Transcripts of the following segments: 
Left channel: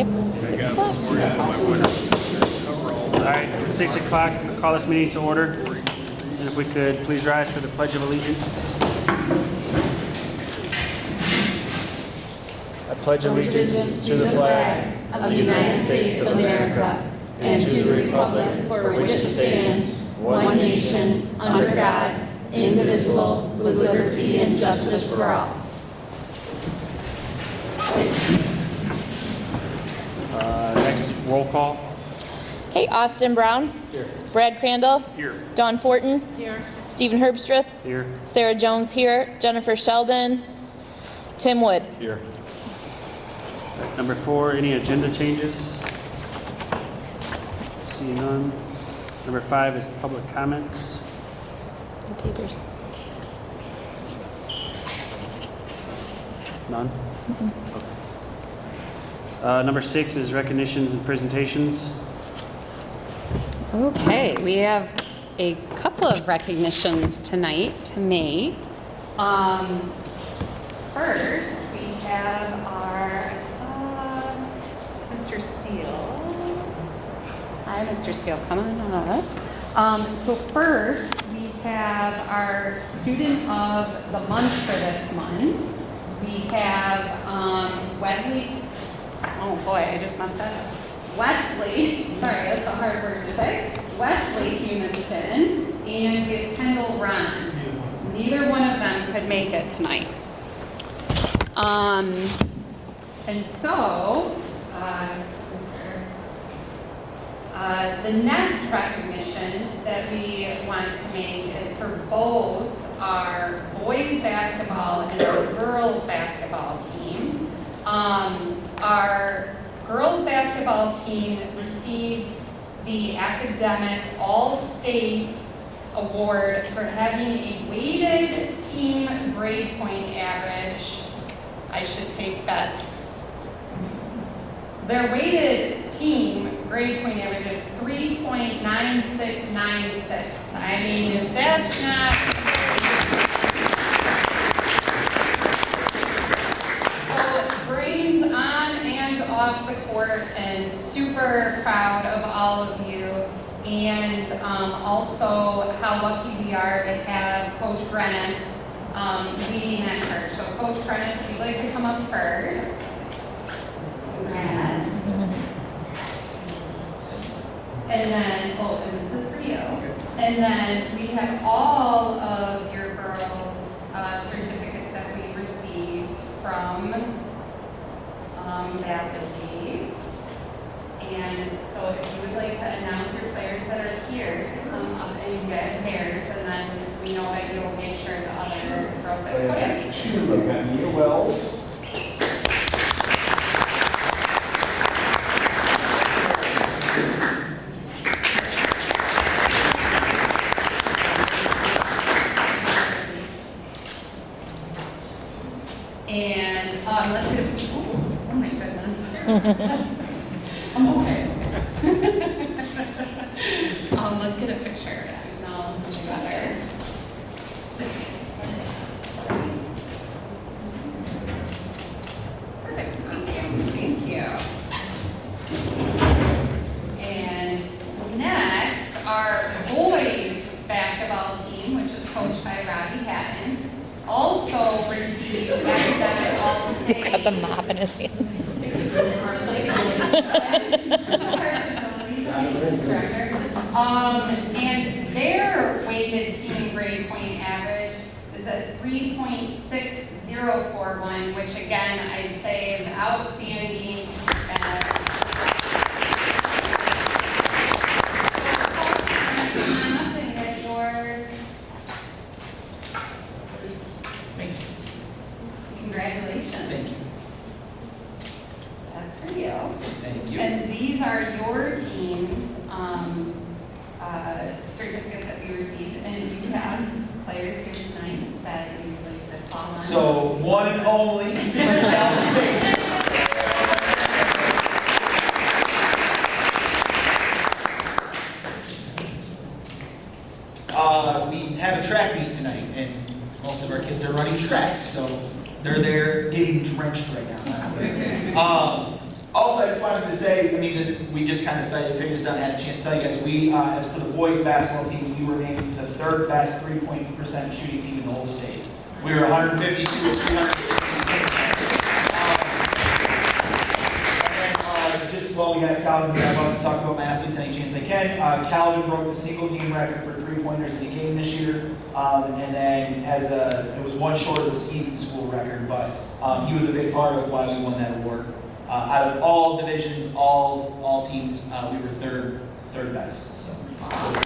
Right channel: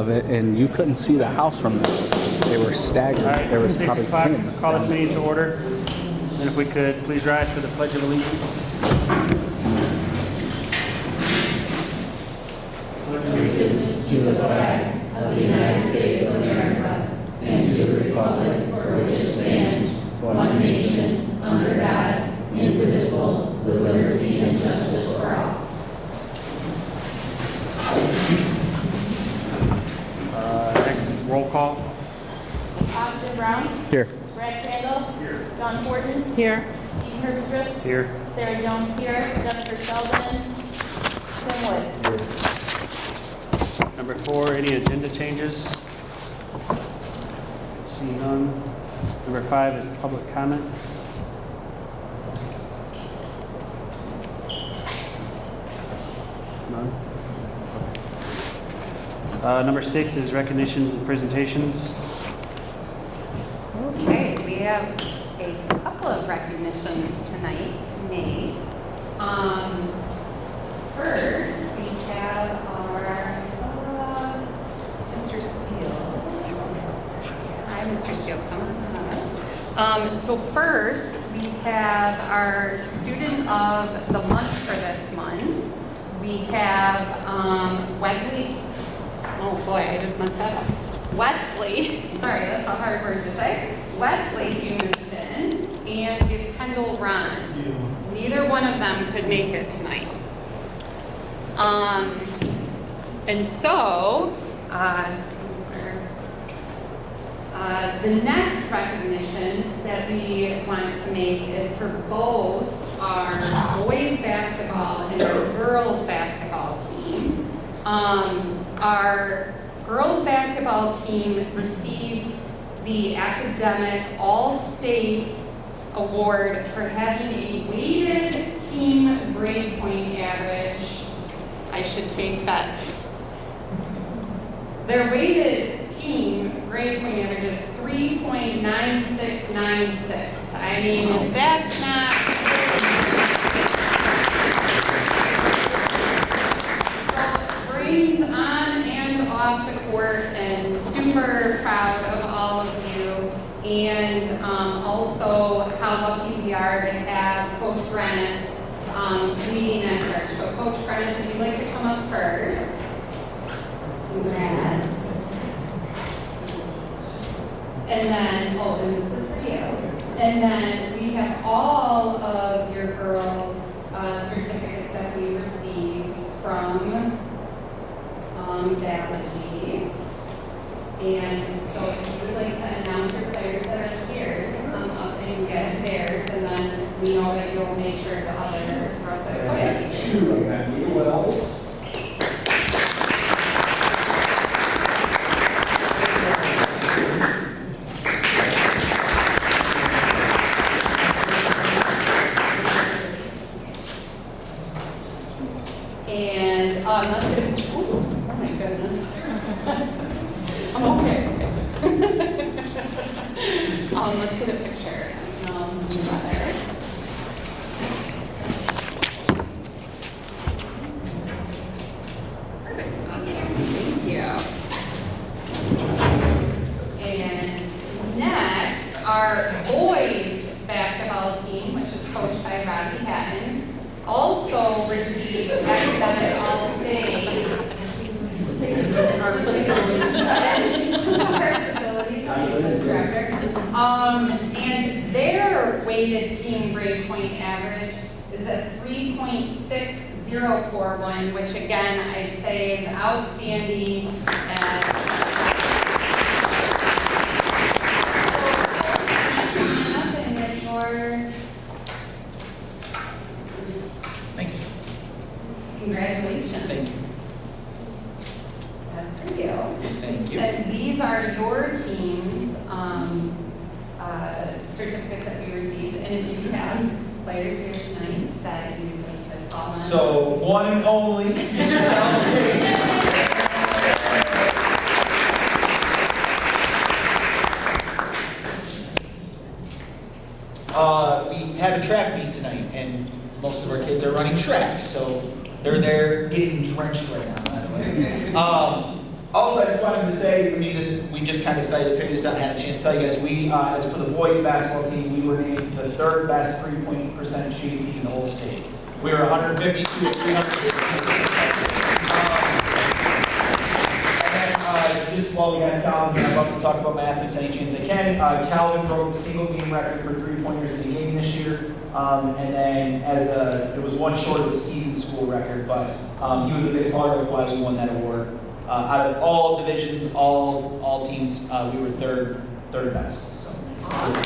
of it, and you couldn't see the house from it. They were staggered. All right, They were 6 probably o'clock, thin. call this meeting to order. And if we could, please rise for the Pledge of Allegiance. I pledge allegiance to the flag of the United States of America and to the republic for which it stands, one nation, under God, indivisible, with liberty and justice for all. Next, roll call. Hey, Austin Brown. Here. Brad Crandall. Here. Dawn Fortin. Here. Stephen Herbstrip. Here. Sarah Jones here. Jennifer Sheldon. Tim Wood. Number 4, any agenda changes? See none. Number 5 is public comments. None. Number 6 is recognitions and presentations. Okay, we have a couple of recognitions tonight to make. First, we have I saw Mr. Steele. Hi, Mr. Steele, come on up. So first, we have our student of the month for this month. We have Wesley. Oh boy, I just messed that up. Wesley, sorry, that's a hard word to say. Wesley Humiston and we have Kendall Ron. Neither one of them could make it tonight. And so, the next recognition that we want to make is for both our boys basketball and our girls basketball team. Our girls basketball team received the Academic All-State Award for having a weighted team grade point average. I should take bets. Their weighted team grade point average is 3.9696. I mean, if that's not... Brains on and off the court, and super proud of all of you, and also how lucky we are to have Coach Grennis leading that church. So Coach Grennis, if you'd like to come up first. Congrats. And then, oh, and this is for you. And then we have all of your girls' certificates that we received from Balaji. And so if you would like to announce your players that are here to come up and get theirs, and then we know that you will make sure the other girls that put in Amanda Wells. And let's get a oops, oh my goodness. I'm okay. Let's get a picture together. Perfect. Awesome. Thank you. And next, our boys basketball team, which is coached by Robbie Hatton, also received Academic All-State. He's got the mop in his hand. Our facilities director. And their weighted team grade point average is at 3.6041, which again, I'd say is outstanding. Congratulations. Thank you. That's for you. Thank you. And these are your team's certificates that we received. And if you have players here tonight that you'd like to call on. So, one and only. We have a track meet tonight, and most of our kids are running track, so they're there getting drenched right now. Also, I just wanted to say, I mean, we just kind of figured this out and had a chance to tell you guys, we, as for the boys basketball team, we were named the third best three-point percent shooting team in the whole state. We were 152 of 362. Just while we have Calvin, I'm about to talk about my athletes any chance I can. Calvin broke the single game record for three-pointers in a game this year. And then it was one short of the season school record, but he was a big part of why we won that award. Out of all divisions, all teams, we were third best. So. Awesome.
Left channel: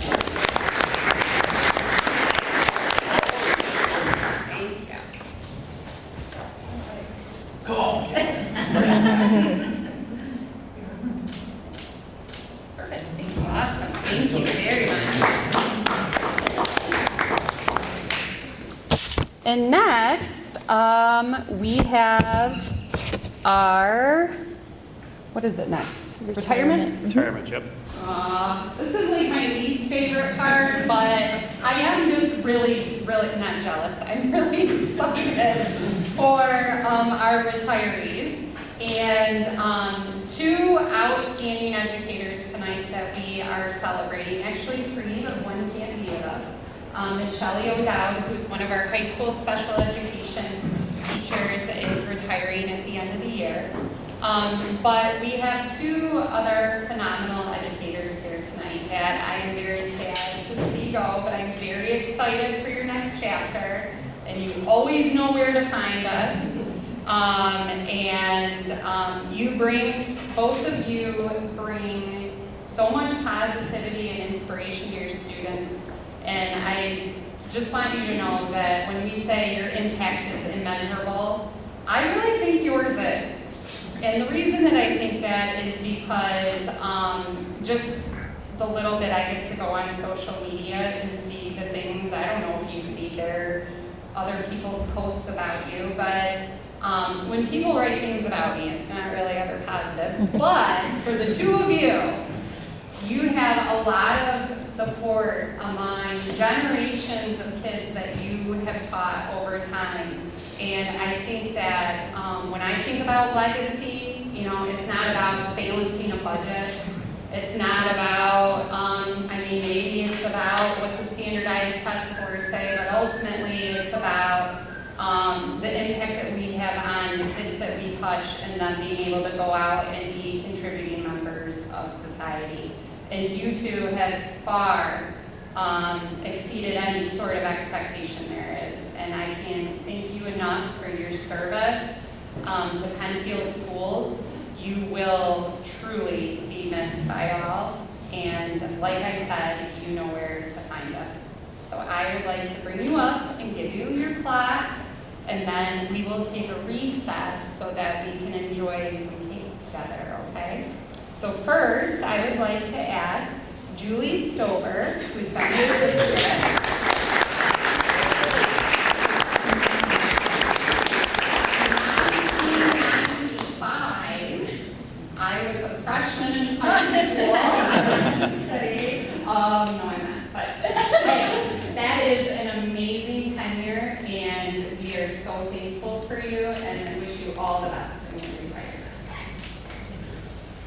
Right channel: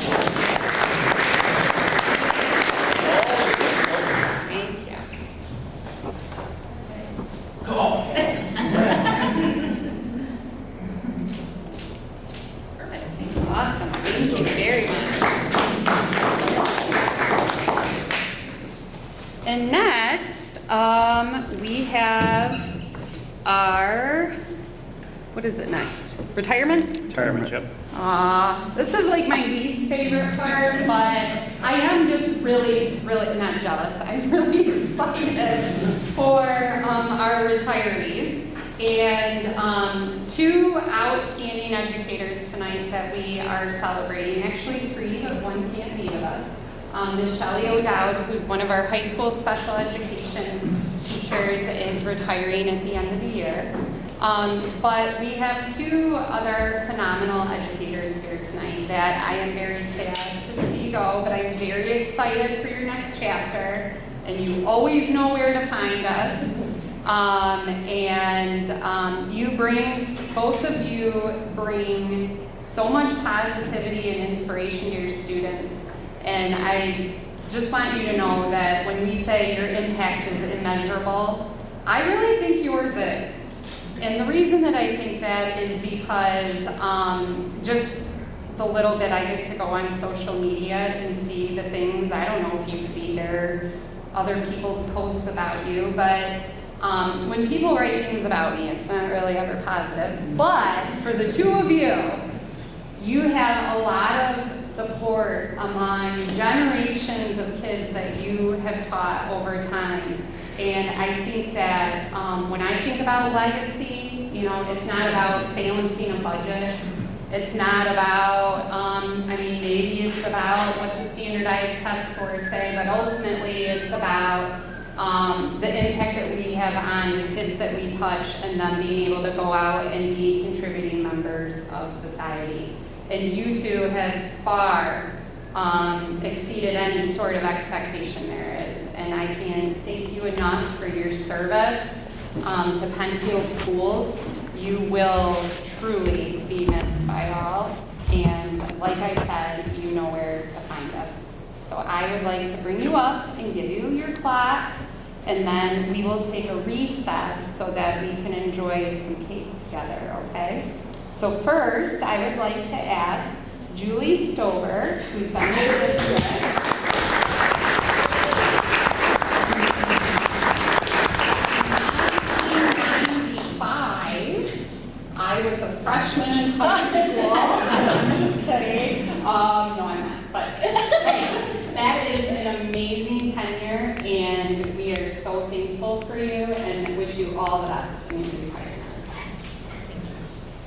Thank you. Come on. Perfect. Awesome. Thank you very much. And next, we have our, what is it next? Retirements? Retirement, yep. This is like my least favorite part, but I am just really not jealous. I'm really excited for our retirees. And two outstanding educators tonight that we are celebrating, actually three, but one can't be with us. Ms. Shelley O'Dowd, who's one of our high school special education teachers, is retiring at the end of the year. But we have two other phenomenal educators here tonight that I am very sad to see go, but I'm very excited for your next chapter, and you always know where to find us. Both of you bring so much positivity and inspiration to your students. And I just want you to know that when we say your impact is immeasurable, I really think yours is. And the reason that I think that is because just the little bit I get to go on social media and see the things, I don't know if you see their other people's posts about you, but when people write things about me, it's not really ever positive. But for the two of you, you have a lot of support among generations of kids that you have taught over time. And I think that when I think about legacy, you know, it's not about balancing a budget. It's not about, maybe it's about what the standardized test scores say, but ultimately it's about the impact that we have on the kids that we touch and them being able to go out and be contributing members of society. And you two have far exceeded any sort of expectation there is. And I can't thank you enough for your service to Penfield Schools. You will truly be missed by all. And like I said, you know where to find us. So I would like to bring you up and give you your plaque, and then we will take a recess so that we can enjoy some cake together, okay? So first, I would like to ask Julie Stover, who's been here this year. I was a freshman in high school. I'm just kidding. No, I'm not. But anyway, that is an amazing tenure, and we are so thankful for you and wish you all the best in your retirement.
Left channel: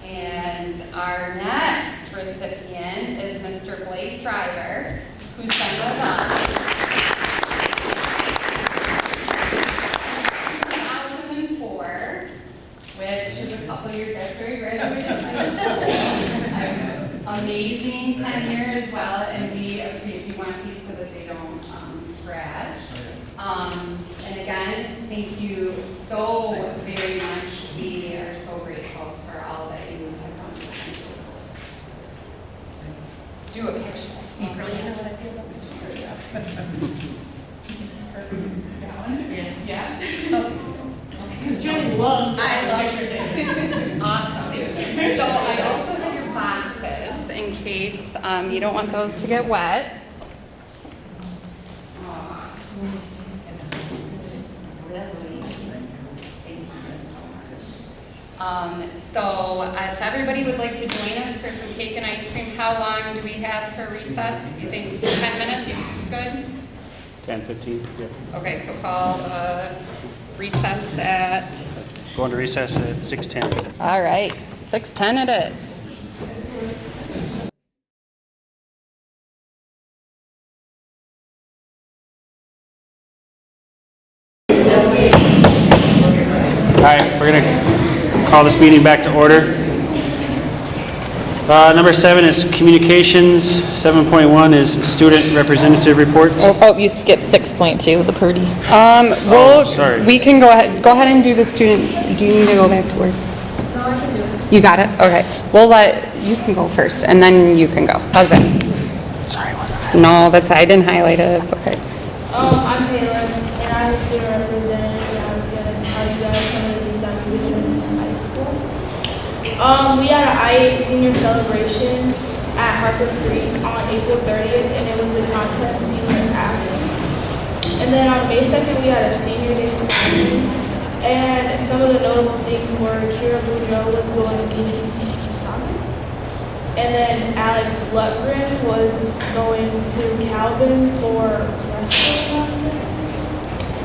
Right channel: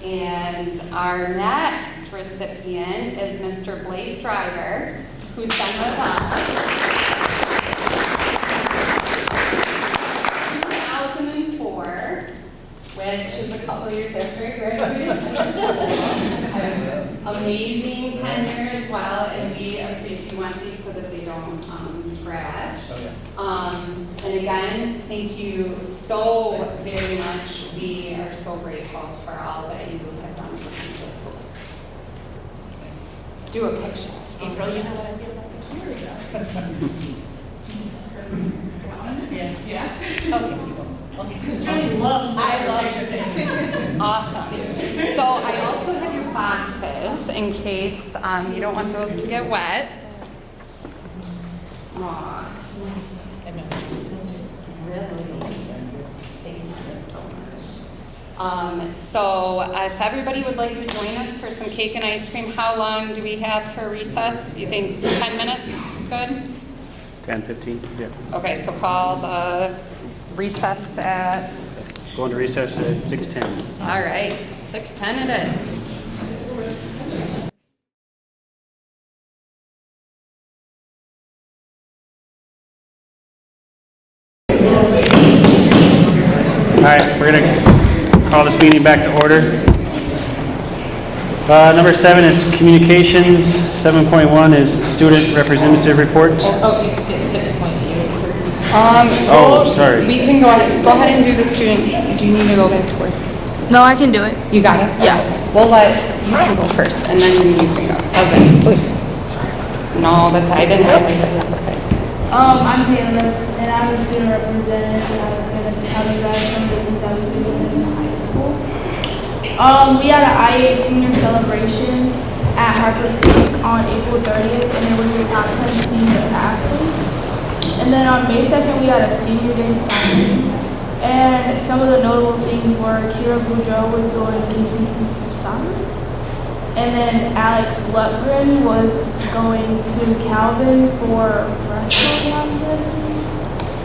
And our next recipient is Mr. Blake Driver, who's been with us 2004, which is a couple years after he graduated. Amazing tenure as well, and if you want these so that they don't scratch. And again, thank you so very much. We are so grateful for all that you have done for Penfield Schools. Do a picture. April, you know what I did about the picture? Yeah? Okay. Because Julie loves I love picture taking. Awesome. So I also have your boxes in case you don't want those to get wet. Aw. So if everybody would like to join us for some cake and ice cream, how long do we have for recess? Do you think 10 minutes good? 10, 15, yeah. Okay, so call the recess at Go into recess at 6:10. All right, 6:10 it is. All right, we're going to call this meeting back to order. Number 7 is communications. 7.1 is student representative reports. Oh, you skipped 6.2, the Purdy. Well, sorry. we can go ahead and do the student. Do you need to go back to work? No, I can do it. You got it? Okay. We'll let you can go first, and then you can go. How's that? Sorry. No, I didn't highlight it. It's okay. I'm Taylor, and I'm a student representative, and I was going to tell you guys some of the things that we did in high school. We had an IA senior celebration at Harper Creek on April 30th, and it was the top 10 senior athletes. And then on May 2nd, we had a senior day ceremony, and some of the notable things were Kira Boudreaux was going to KCC soccer. And then Alex Lutgren was going to Calvin for wrestling on Thursday.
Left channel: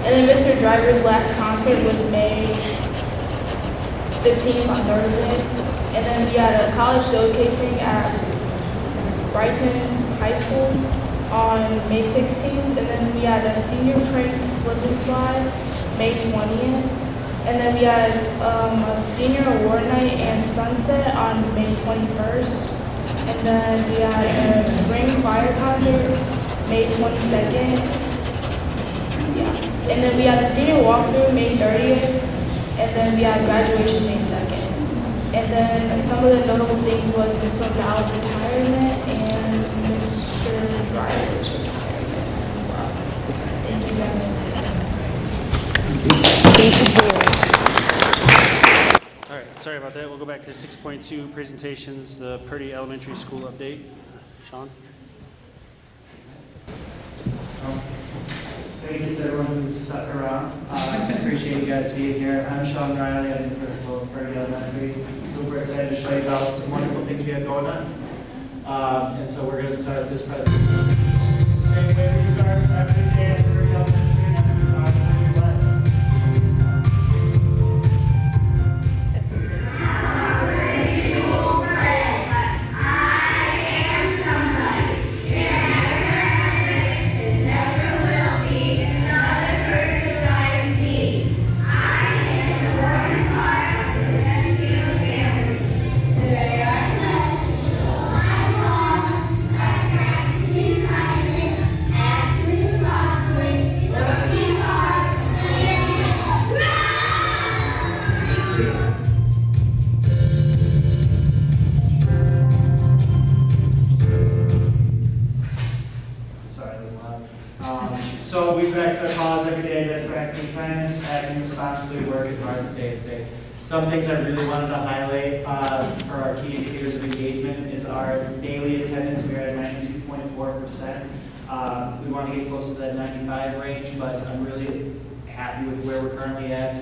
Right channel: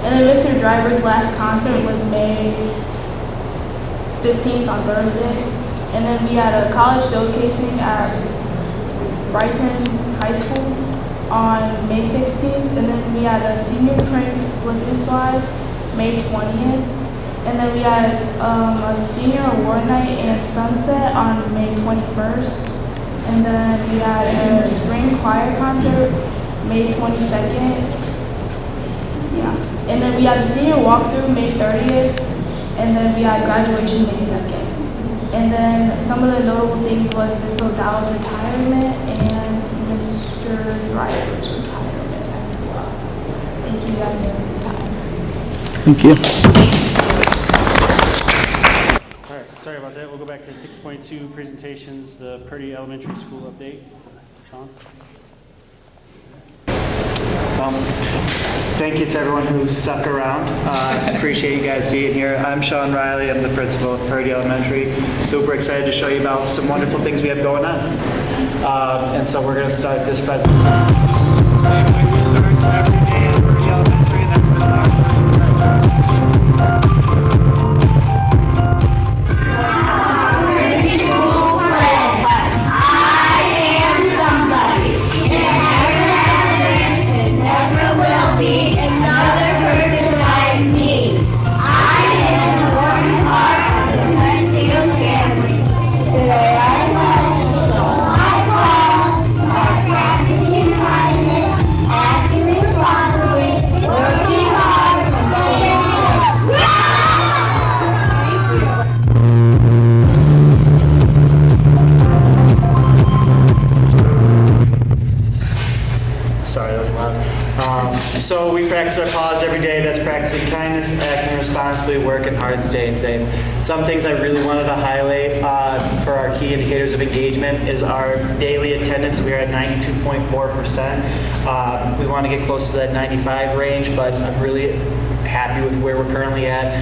And then Mr. Driver's last concert was May 15th on Thursday. And then we had a college showcasing at Brighton High School on May 16th. And then we had a senior prank slip and slide May 20th. And then we had a senior award night and sunset on May 21st. And then we had a spring choir concert May 22nd. Yeah. And then we had a senior walkthrough May 30th. And then we had graduation May 2nd. And then some of the notable things was Ms. O'Dowd's retirement and Mr. Driver's retirement as well. Thank you guys for your time. Thank you. All right, sorry about that. We'll go back to 6.2 presentations, the Purdy Elementary School update. Sean? Thank you to everyone who stuck around. I appreciate you guys being here. I'm Sean Riley. I'm the principal of Purdy Elementary. Super excited to show you about some wonderful things we have going on. And so we're going to start this presentation. Same way we start every day at Purdy Elementary, and that's for the So we practice our pause every day. That's practicing kindness, acting responsibly, working hard, staying safe. Some things I really wanted to highlight for our key indicators of engagement is our daily attendance. We are at 92.4%. We want to get close to that 95 range, but I'm really happy with where we're currently at.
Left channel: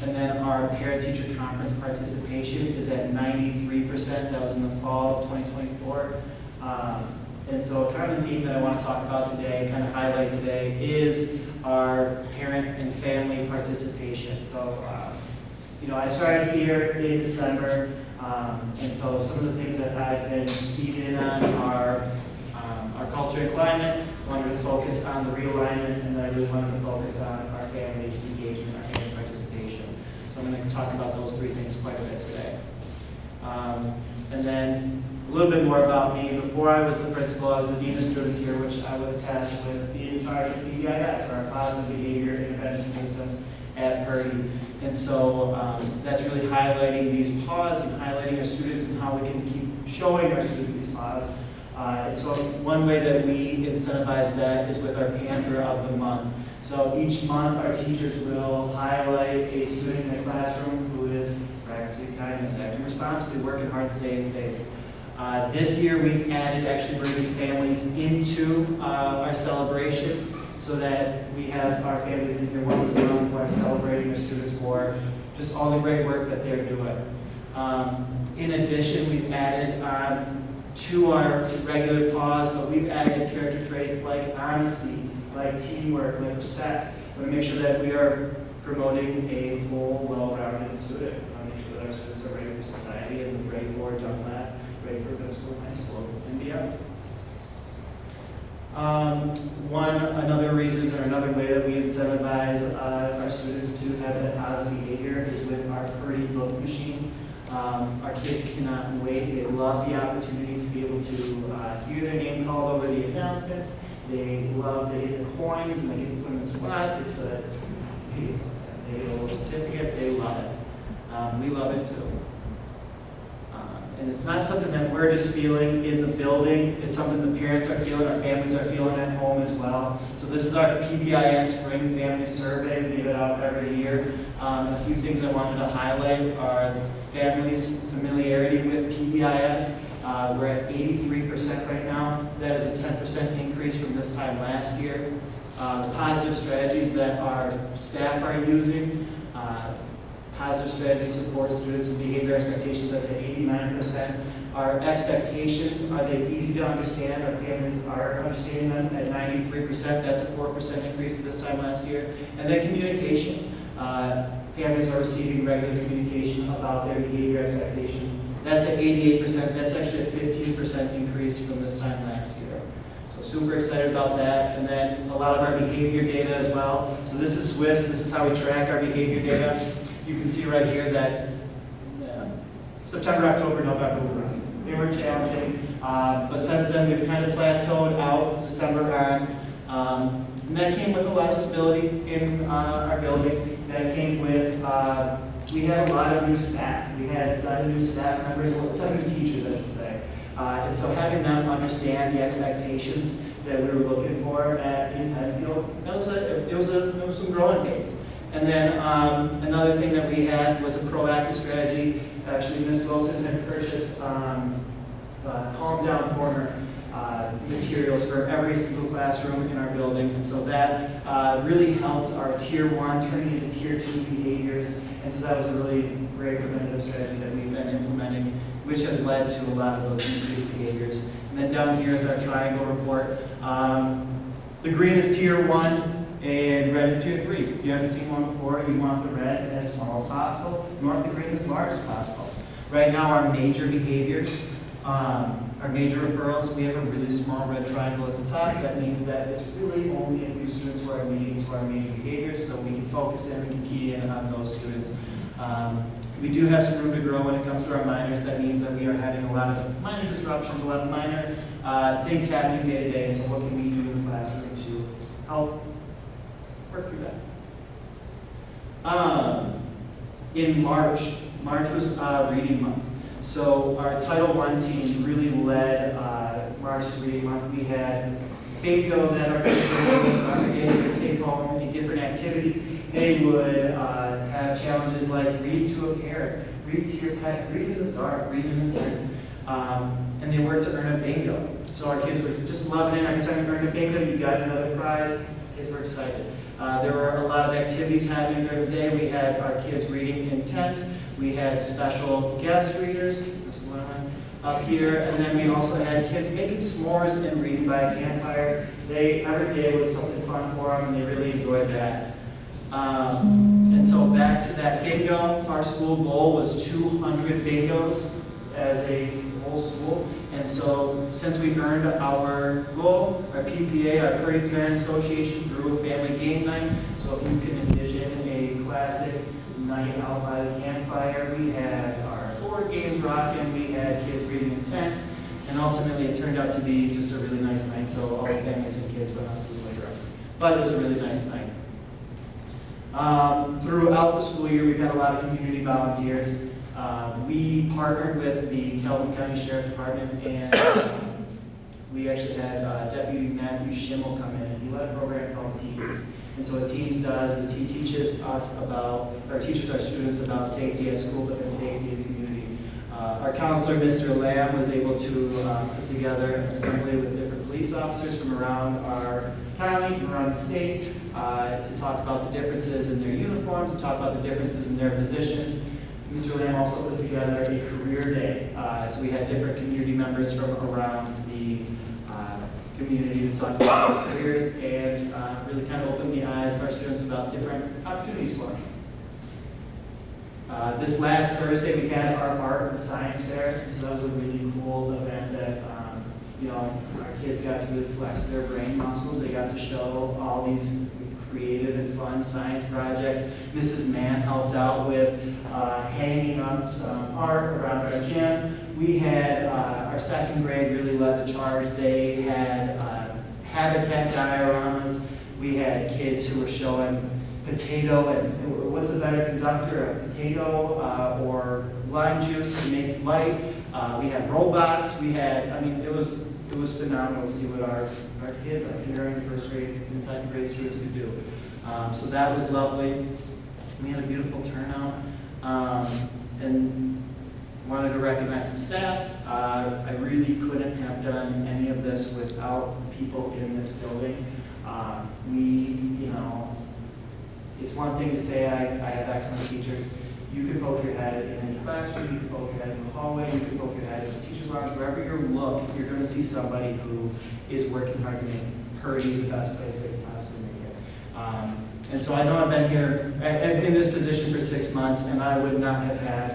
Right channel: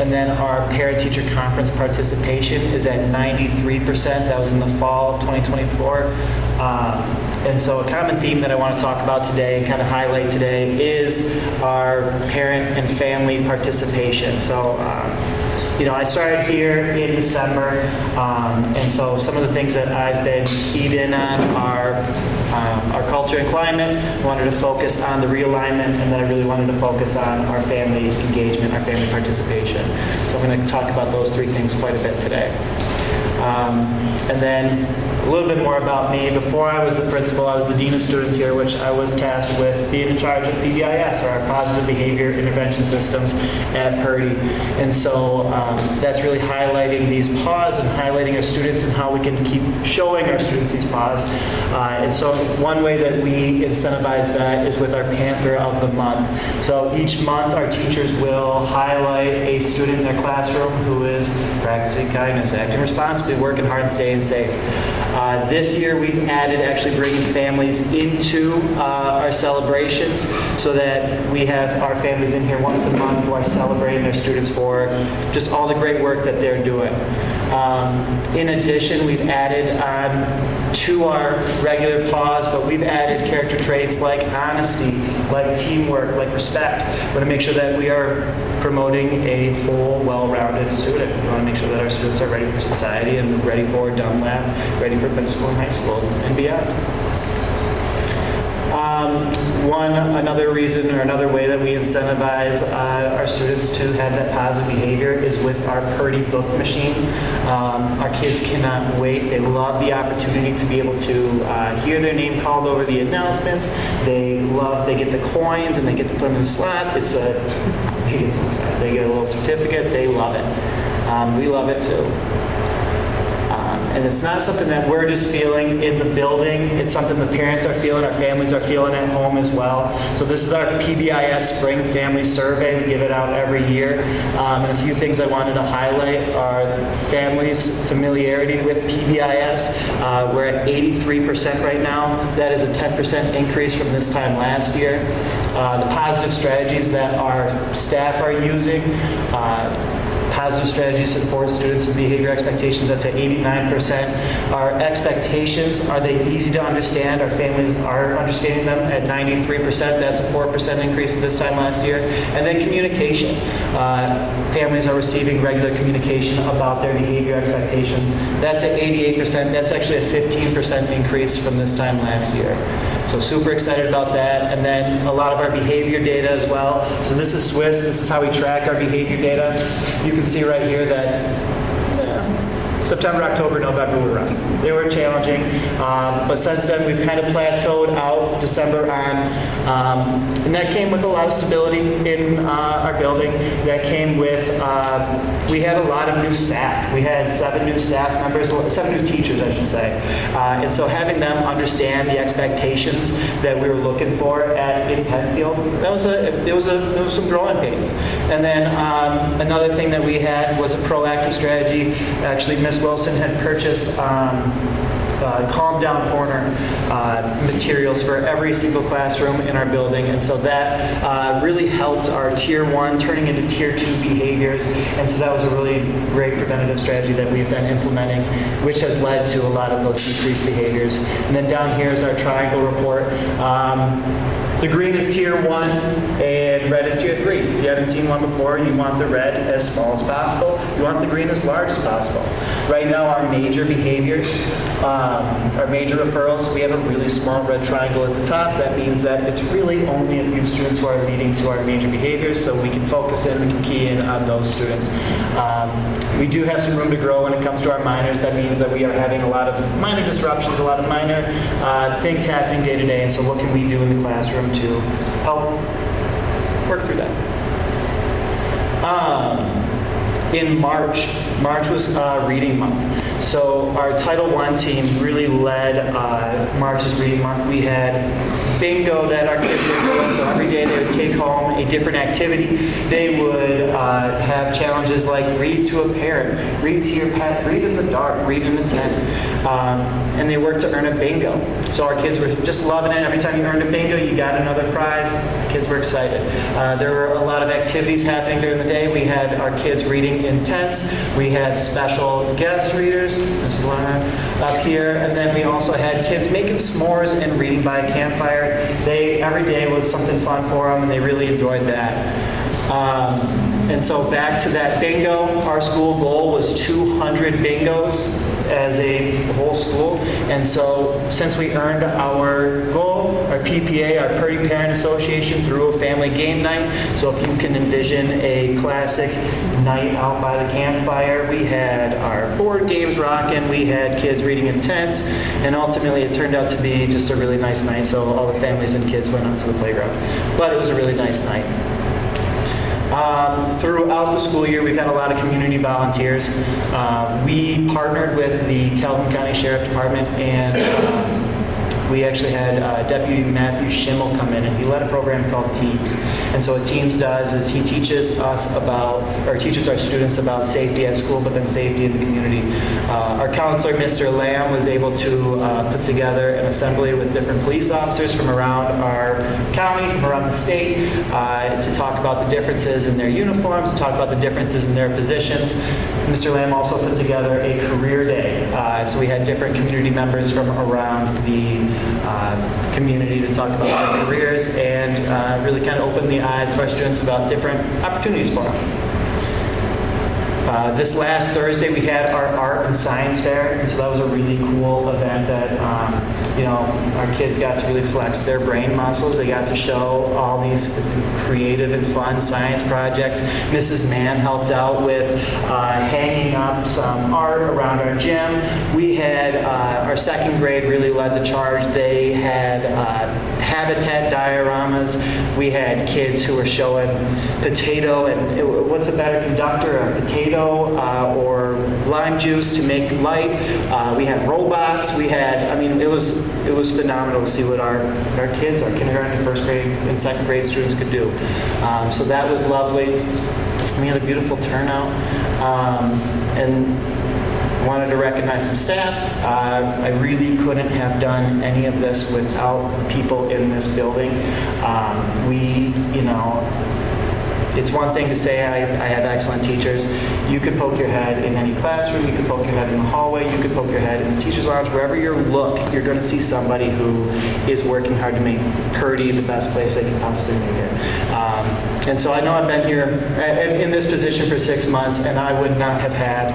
And then our parent-teacher conference participation is at 93%. That was in the fall of 2024. And so a common theme that I want to talk about today and kind of highlight today is our parent and family participation. So, I started here in December, and so some of the things that I've been keyed in on are our culture and climate. I wanted to focus on the realignment, and then I really wanted to focus on our family engagement, our family participation. So I'm going to talk about those three things quite a bit today. And then a little bit more about me. Before I was the principal, I was the dean of students here, which I was tasked with being in charge of PBIS, or our Positive Behavior Intervention Systems at Purdy. And so that's really highlighting these PAWs and highlighting our students and how we can keep showing our students these PAWs. And so one way that we incentivize that is with our Panther of the Month. So each month our teachers will highlight a student in their classroom who is practicing kindness, acting responsibly, working hard, and staying safe. This year we've added actually bringing families into our celebrations so that we have our families in here once a month who are celebrating their students for just all the great work that they're doing. In addition, we've added to our regular PAWs, but we've added character traits like honesty, like teamwork, like respect. We want to make sure that we are promoting a whole, well-rounded student. We want to make sure that our students are ready for society and ready for Dunlap, ready for middle school and high school and beyond. Another reason or another way that we incentivize our students to have that positive behavior is with our Purdy book machine. Our kids cannot wait. They love the opportunity to be able to hear their name called over the announcements. They get the coins and they get to put them in the slot. They get so excited. They get a little certificate. They love it. We love it too. And it's not something that we're just feeling in the building. It's something the parents are feeling, our families are feeling at home as well. So this is our PBIS Spring Family Survey. We give it out every year. And a few things I wanted to highlight are families' familiarity with PBIS. We're at 83% right now. That is a 10% increase from this time last year. The positive strategies that our staff are using, positive strategies support students and behavior expectations, that's at 89%. Our expectations, are they easy to understand? Our families are understanding them at 93%. That's a 4% increase this time last year. And then communication. Families are receiving regular communication about their behavior expectations. That's at 88%. That's actually a 15% increase from this time last year. So super excited about that. And then a lot of our behavior data as well. So this is Swiss. This is how we track our behavior data. You can see right here that September, October, November were rough. They were challenging. But since then, we've kind of plateaued out December on. And that came with a lot of stability in our building. That came with, we had a lot of new staff. We had 7 new staff members, 7 new teachers, I should say. And so having them understand the expectations that we were looking for in Penfield, there was some growing pains. And then another thing that we had was a proactive strategy. Actually, Ms. Wilson had purchased Calm Down Corner materials for every single classroom in our building, and so that really helped our Tier 1 turning into Tier 2 behaviors, and so that was a really great preventative strategy that we've been implementing, which has led to a lot of those decreased behaviors. And then down here is our triangle report. The green is Tier 1 and red is Tier 3. If you haven't seen one before, you want the red as small as possible. You want the green as large as possible. Right now, our major behaviors, our major referrals, we have a really small red triangle at the top. That means that it's really only a few students who are leading to our major behaviors, so we can focus in, we can key in on those students. We do have some room to grow when it comes to our minors. That means that we are having a lot of minor disruptions, a lot of minor things happening day to day, and so what can we do in the classroom to help work through that? In March was Reading Month. So our Title I team really led March's Reading Month. We had bingo that our kids would do, so every day they would take home a different activity. They would have challenges like read to a parent, read to your pet, read in the dark, read in a tent. And they worked to earn a bingo. So our kids were just loving it. Every time you earned a bingo, you got another prize. Kids were excited. There were a lot of activities happening during the day. We had our kids reading in tents. We had special guest readers. There's one up here. And then we also had kids making s'mores and reading by a campfire. Every day was something fun for them, and they really enjoyed that. And so back to that bingo, our school goal was 200 bingos as a whole school. And so since we earned our goal, our PPA, our Purdy Parent Association, through a family game night. So if you can envision a classic night out by the campfire, we had our board games rocking, we had kids reading in tents, and ultimately it turned out to be just a really nice night. So all the families and kids went out to the playground. But it was a really nice night. Throughout the school year, we've had a lot of community volunteers. We partnered with the Calhoun County Sheriff Department, and we actually had Deputy Matthew Schimmel come in, and he led a program called Teams. And so what Teams does is he teaches our students about safety at school, but then safety in the community. Our counselor, Mr. Lamb, was able to put together an assembly with different police officers from around our county, from around the state, to talk about the differences in their uniforms, to talk about the differences in their positions. Mr. Lamb also put together a career day. So we had different community members from around the community to talk about our careers and really kind of open the eyes of our students about different opportunities for them. This last Thursday, we had our art and science fair, and so that was a really cool event that, our kids got to really flex their brain muscles. They got to show all these creative and fun science projects. Mrs. Mann helped out with hanging up some art around our gym. We had our second grade really led the charge. They had habitat dioramas. We had kids who were showing potato and what's a better conductor, a potato or lime juice to make light. We had robots. We had, it was phenomenal to see what our kids, our kindergarten, first grade, and second grade students could do. So that was lovely. We had a beautiful turnout. And wanted to recognize some staff. I really couldn't have done any of this without people in this building. It's one thing to say I have excellent teachers. You could poke your head in any classroom, you could poke your head in the hallway, you could poke your head in the teacher's lounge, wherever you look, you're going to see somebody who is working hard to make Purdy the best place they can possibly make it. And so I know I've been here in this position for 6 months, and I would not have had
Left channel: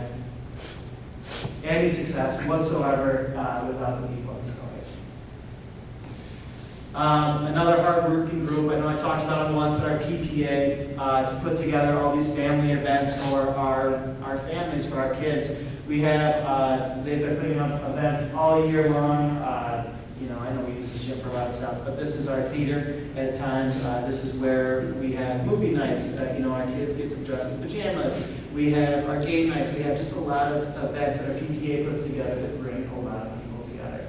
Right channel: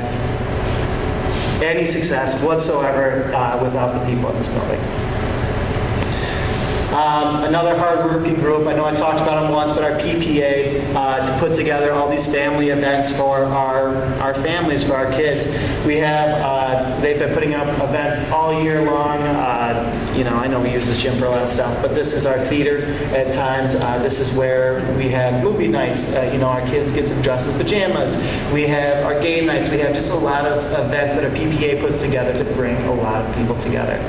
any success whatsoever without the people in this building. Another hard-working group, I know I talked about it once, but our PPA to put together all these family events for our families, for our kids. We have, they've been putting up events all year long. I know we use this gym for a lot of stuff, but this is our theater at times. This is where we have movie nights. Our kids get to dress in pajamas. We have our game nights. We have just a lot of events that our PPA puts together to bring a lot of people together.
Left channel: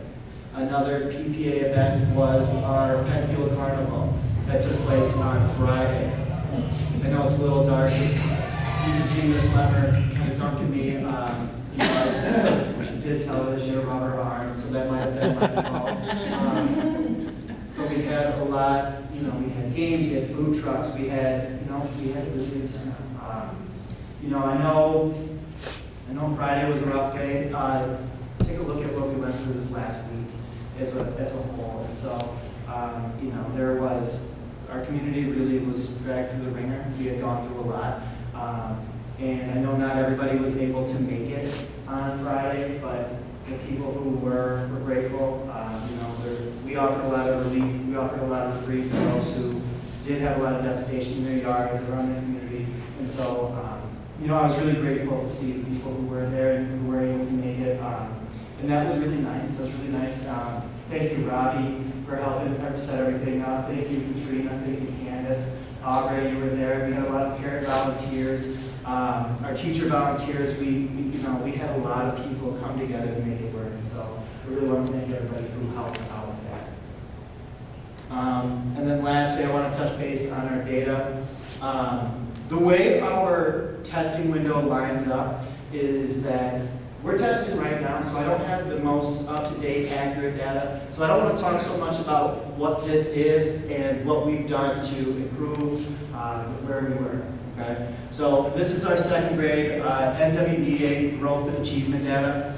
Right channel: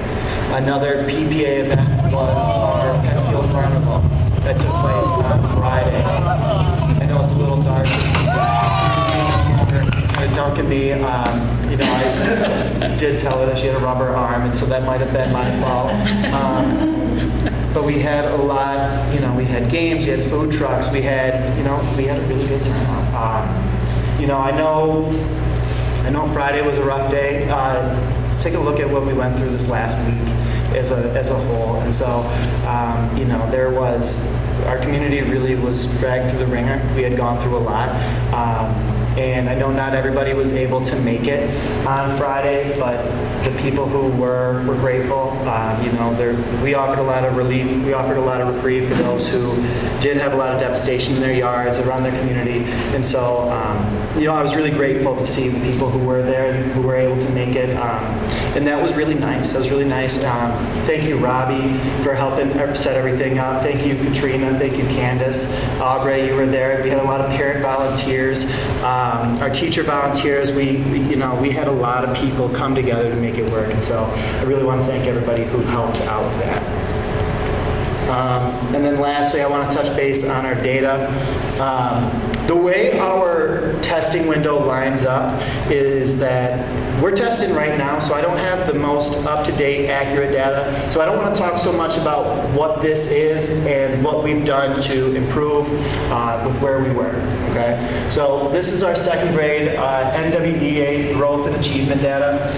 Another PPA event was our Penfield Carnival that took place on Friday. I know it's a little dark. You can see this woman kind of dunking me. I did tell her that she had a rubber arm, and so that might have been my fault. But we had a lot, we had games, we had food trucks, we had a really good turnout. I know Friday was a rough day. Let's take a look at what we went through this last week as a whole. And so, our community really was dragged through the ringer. We had gone through a lot. And I know not everybody was able to make it on Friday, but the people who were grateful. We offered a lot of relief. We offered a lot of reprieve for those who did have a lot of devastation in their yards, around their community. And so, I was really grateful to see the people who were there, who were able to make it. And that was really nice. That was really nice. Thank you, Robbie, for helping set everything up. Thank you, Katrina. Thank you, Candace. Aubrey, you were there. We had a lot of parent volunteers. Our teacher volunteers. We had a lot of people come together to make it work. And so I really want to thank everybody who helped out with that. And then lastly, I want to touch base on our data. The way our testing window lines up is that we're testing right now, so I don't have the most up-to-date, accurate data. So I don't want to talk so much about what this is and what we've done to improve with where we were, okay? So this is our second grade NWEA growth and achievement data.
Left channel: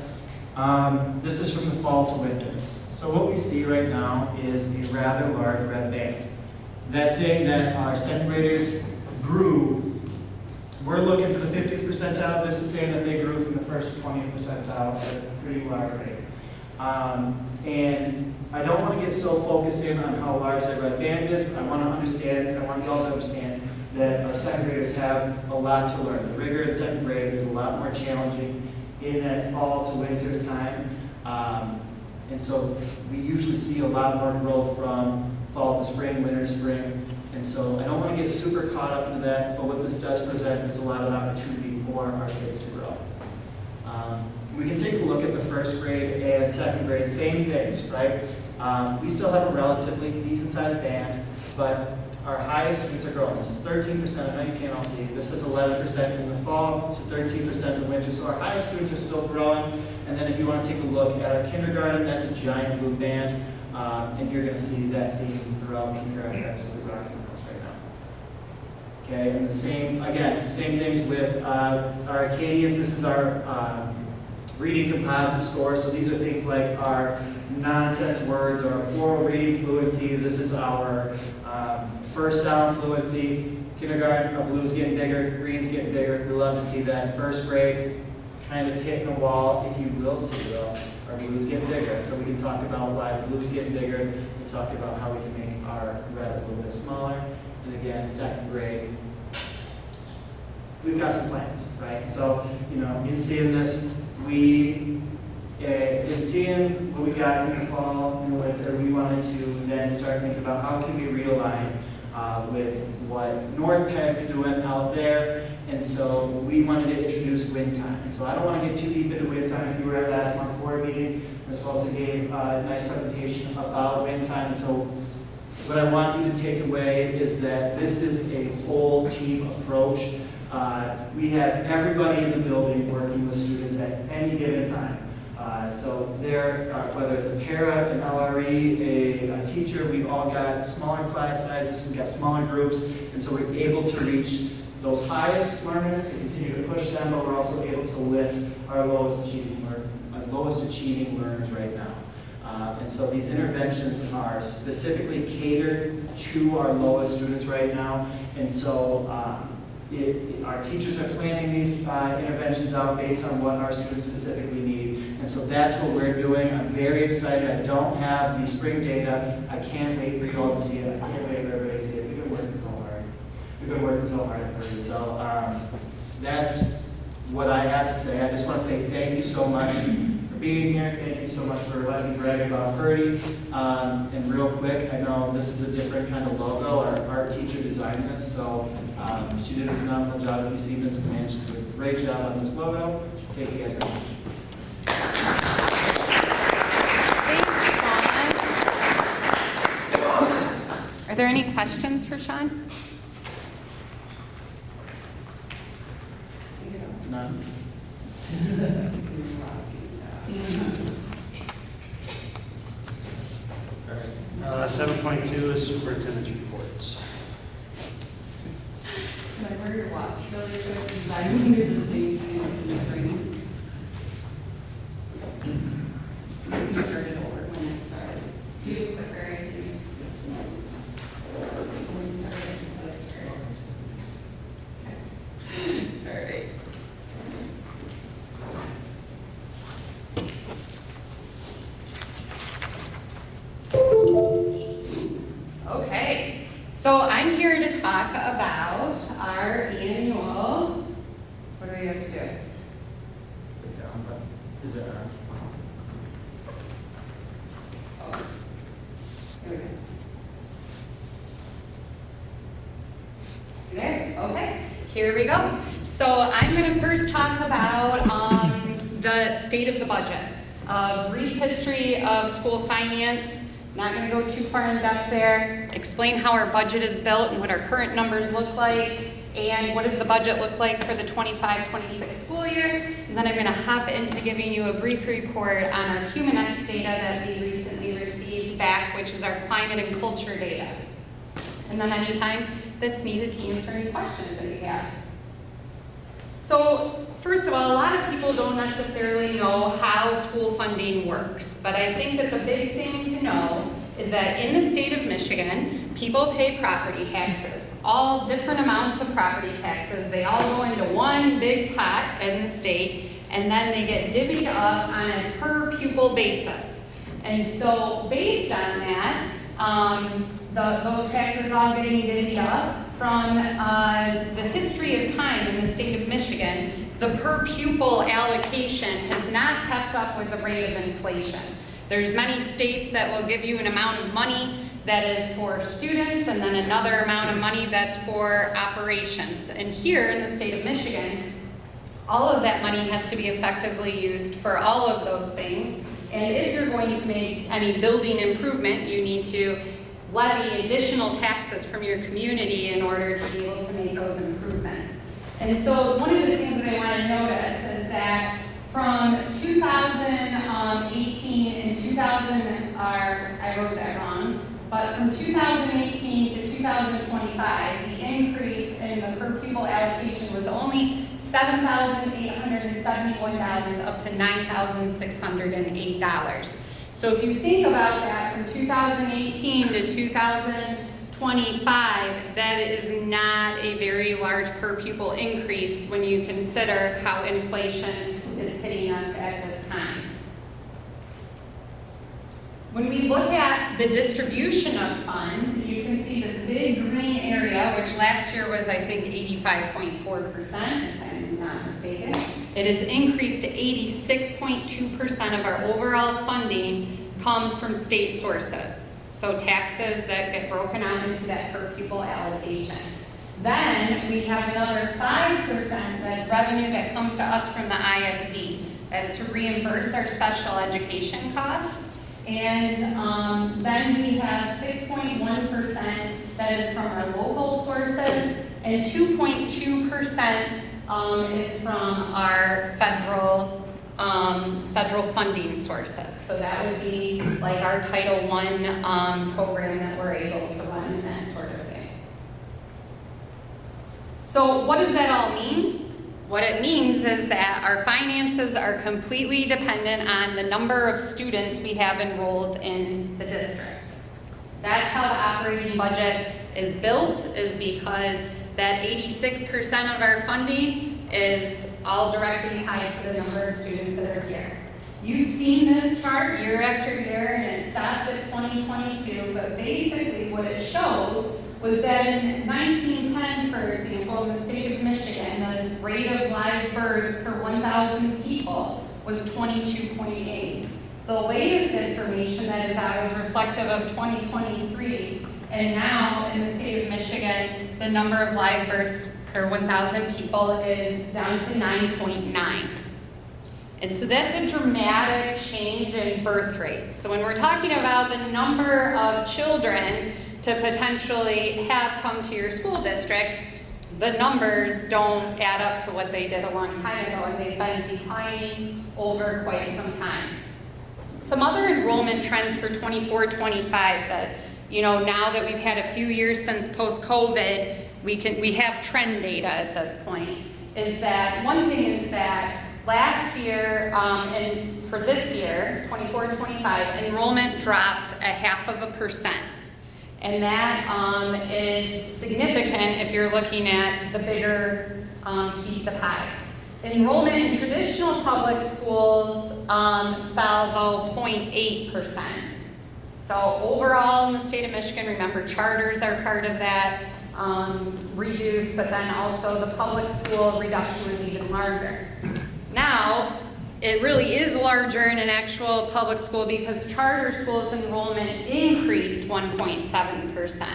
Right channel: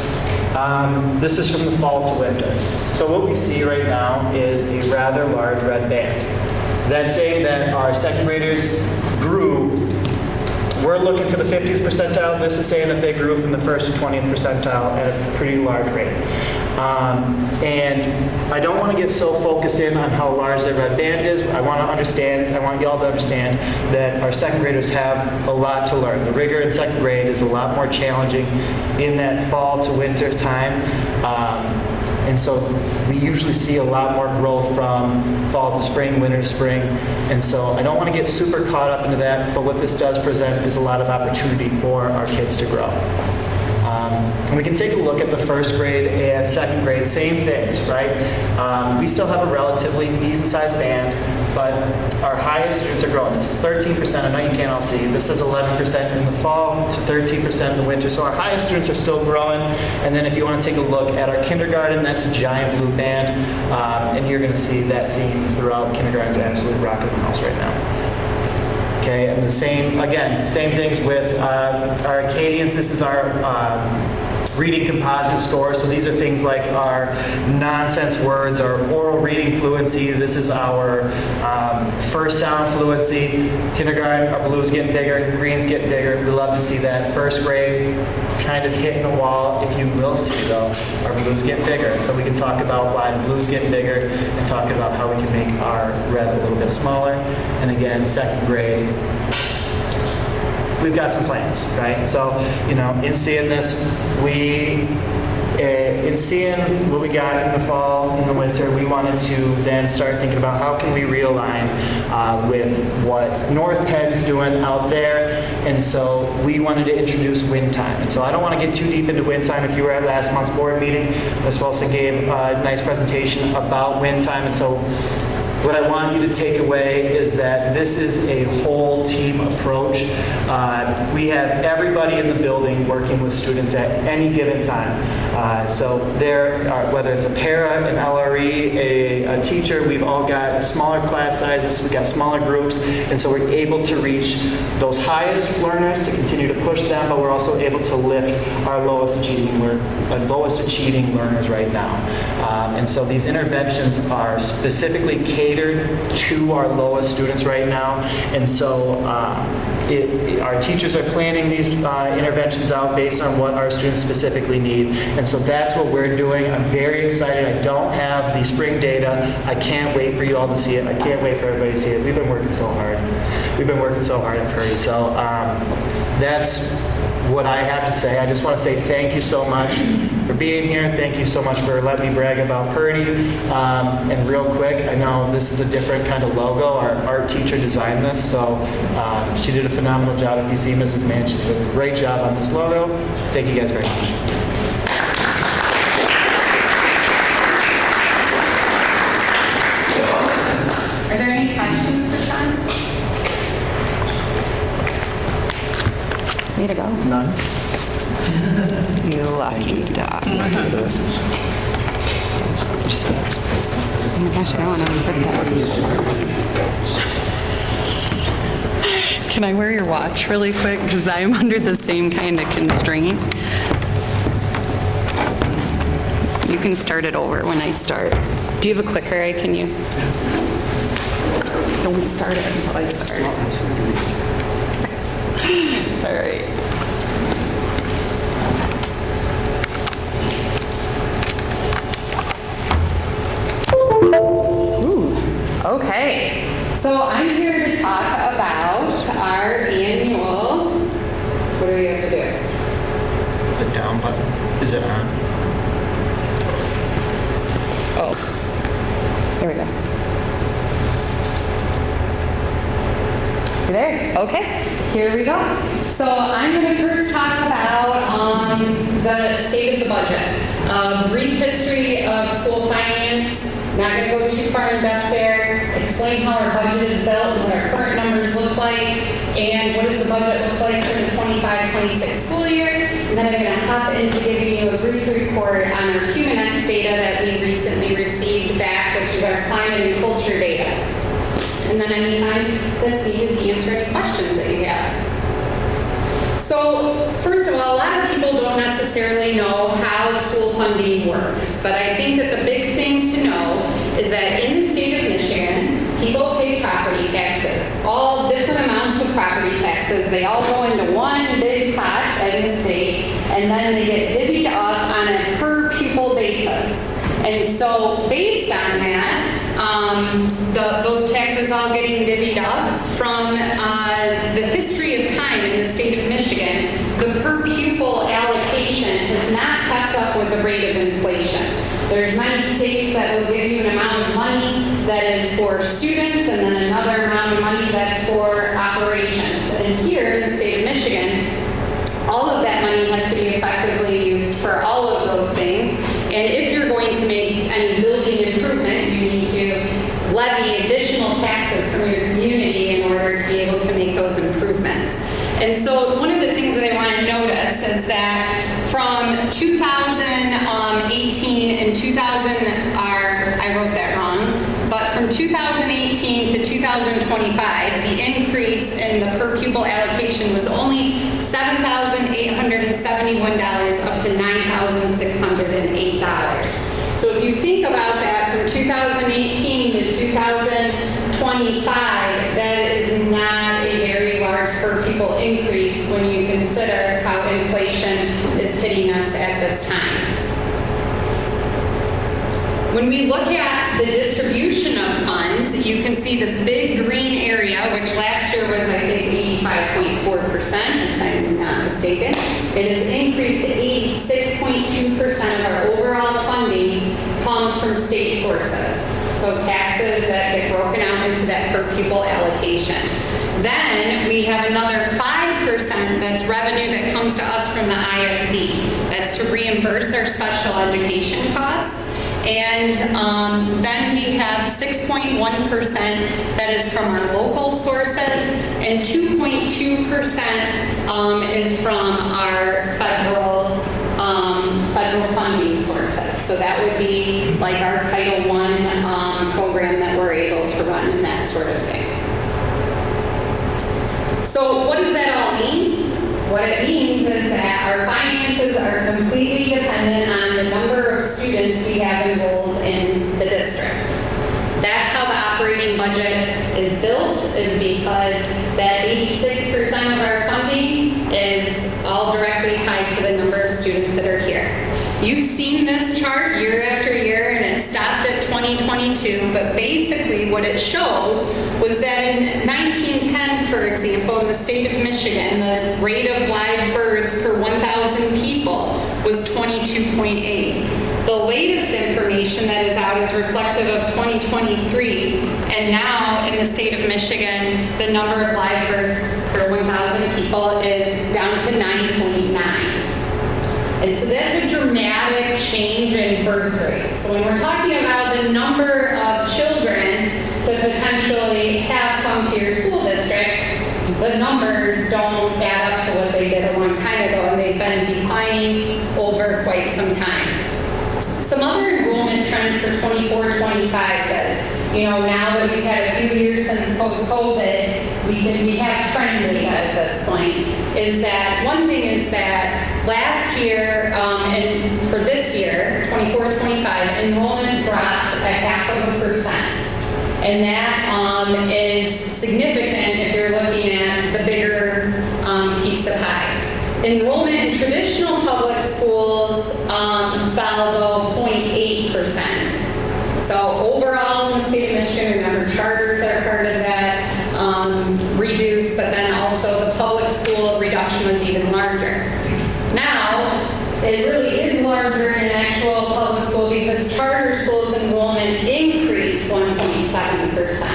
This is from the fall to winter. So what we see right now is a rather large red band. That's saying that our second graders grew. We're looking for the 50th percentile. This is saying that they grew from the 1st to 20th percentile at a pretty large rate. And I don't want to get so focused in on how large that red band is. I want y'all to understand that our second graders have a lot to learn. The rigor in second grade is a lot more challenging in that fall to winter time. And so we usually see a lot more growth from fall to spring, winter to spring. And so I don't want to get super caught up into that, but what this does present is a lot of opportunity for our kids to grow. And we can take a look at the first grade and second grade, same things, right? We still have a relatively decent sized band, but our highest students are growing. This is 13%, I know you can't all see. This is 11% in the fall to 13% in the winter. So our highest students are still growing. And then if you want to take a look at our kindergarten, that's a giant blue band. And you're going to see that theme throughout. Kindergarten's absolutely rocking the house right now. Okay, and the same things with our Acadians. This is our reading composite score. So these are things like our nonsense words, our oral reading fluency. This is our first sound fluency. Kindergarten, our blues getting bigger, greens getting bigger. We love to see that. First grade, kind of hitting the wall, if you will see though, our blues getting bigger. So we can talk about why the blues getting bigger and talk about how we can make our red a little bit smaller. And again, second grade, we've got some plans, right? So, you know, in seeing this, in seeing what we got in the fall, in the winter, we wanted to then start thinking about how can we realign with what North Penn is doing out there. And so we wanted to introduce wind time. And so I don't want to get too deep into wind time. If you were at last month's board meeting, Ms. Wilson gave a nice presentation about wind time. And so what I want you to take away is that this is a whole team approach. We have everybody in the building working with students at any given time. So there, whether it's a para, an LRE, a teacher, we've all got smaller class sizes, we've got smaller groups, and so we're able to reach those highest learners to continue to push them, but we're also able to lift our lowest achieving learners right now. And so these interventions are specifically catered to our lowest students right now, and so our teachers are planning these interventions out based on what our students specifically need. And so that's what we're doing. I'm very excited. I don't have the spring data. I can't wait for you all to see it. I can't wait for everybody to see it. We've been working so hard. We've been working so hard at Purdy. So that's what I have to say. I just want to say thank you so much for being here. Thank you so much for letting me brag about Purdy. And real quick, I know this is a different kind of logo. Our art teacher designed this, so she did a phenomenal job. If you see Mrs. Mann, she did a great job on this logo. Thank you guys very much. Are there any questions for Sean? Way to go. None? You lucky dog. Oh my gosh, I don't want to forget. Can I wear your watch really quick? Because I'm under the same kind of constraint. You can start it over when I start. Do you have a clicker I can use? Don't start it until I start. All right. Okay, so I'm here to talk about our annual, what do we have to do? The down button, is it on? Oh, there we go. You there? Okay, here we go. So I'm going to first talk about the state of the budget. Brief history of school finance. Not going to go too far in depth there. Explain how our budget is built and what our current numbers look like, and what does the budget look like for the 25-26 school year. And then I'm going to hop into giving you a brief report on our HumanX data that we recently received back, which is our climate and culture data. And then anytime that's needed to answer any questions that you have. So, first of all, a lot of people don't necessarily know how school funding works, but I think that the big thing to know is that in the state of Michigan, people pay property taxes, all different amounts of property taxes. They all go into one big pot in the state, and then they get divvied up on a per pupil basis. And so, based on that, those taxes all getting divvied up from the history of time in the state of Michigan, the per pupil allocation has not kept up with the rate of inflation. There's many states that will give you an amount of money that is for students and then another amount of money that's for operations. And here in the state of Michigan, all of that money has to be effectively used for all of those things. And if you're going to make any building improvement, you need to levy additional taxes from your community in order to be able to make those improvements. And so one of the things that I want to notice is that from 2018 and I wrote that wrong, but from 2018 to 2025, the increase in the per pupil allocation was only $7,871 up to $9,000. So if you think about that from 2018 to 2025, that is not a very large per pupil increase when you consider how inflation is hitting us at this time. When we look at the distribution of funds, you can see this big green area, which last year was, I think, 85.4%, if I'm not mistaken. It has increased to 86.2% of our overall funding comes from state sources. So taxes that get broken out into that per pupil allocation. Then we have another 5% that's revenue that comes to us from the ISD. That's to reimburse our special education costs. And then we have 6.1% that is from our local sources, and 2.2% is from our federal funding sources. So that would be like our Title I program that we're able to run and that sort of thing. So what does that all mean? What it means is that our finances are completely dependent on the number of students we have enrolled in the district. That's how the operating budget is built, is because that 86% of our funding is all directly tied to the number of students that are here. You've seen this chart year after year, and it stopped at 2022, but basically what it showed was that in 1910, for example, in the state of Michigan, the rate of live births per 1,000 people was 22.8. The latest information that is out is reflective of 2023, and now in the state of Michigan, the number of live births per 1,000 people is down to 9.9. And so that's a dramatic change in birth rates. So when we're talking about the number of children to potentially have come to your school district, the numbers don't add up to what they did a long time ago, and they've been declining over quite some time. Some other enrollment trends for 24-25 that, now that we've had a few years since post-COVID, we have trend data at this point, is that one thing is that last year, and for this year, 24-25, enrollment dropped at 0.5%. And that is significant if you're looking at the bigger piece of pie. Enrollment in traditional public schools fell, though, 0.8%. So overall in the state of Michigan, remember, charters are part of that, reduced, but then also the public school reduction was even larger. Now, it really is larger in an actual public school because charter schools enrollment increased 1.7%.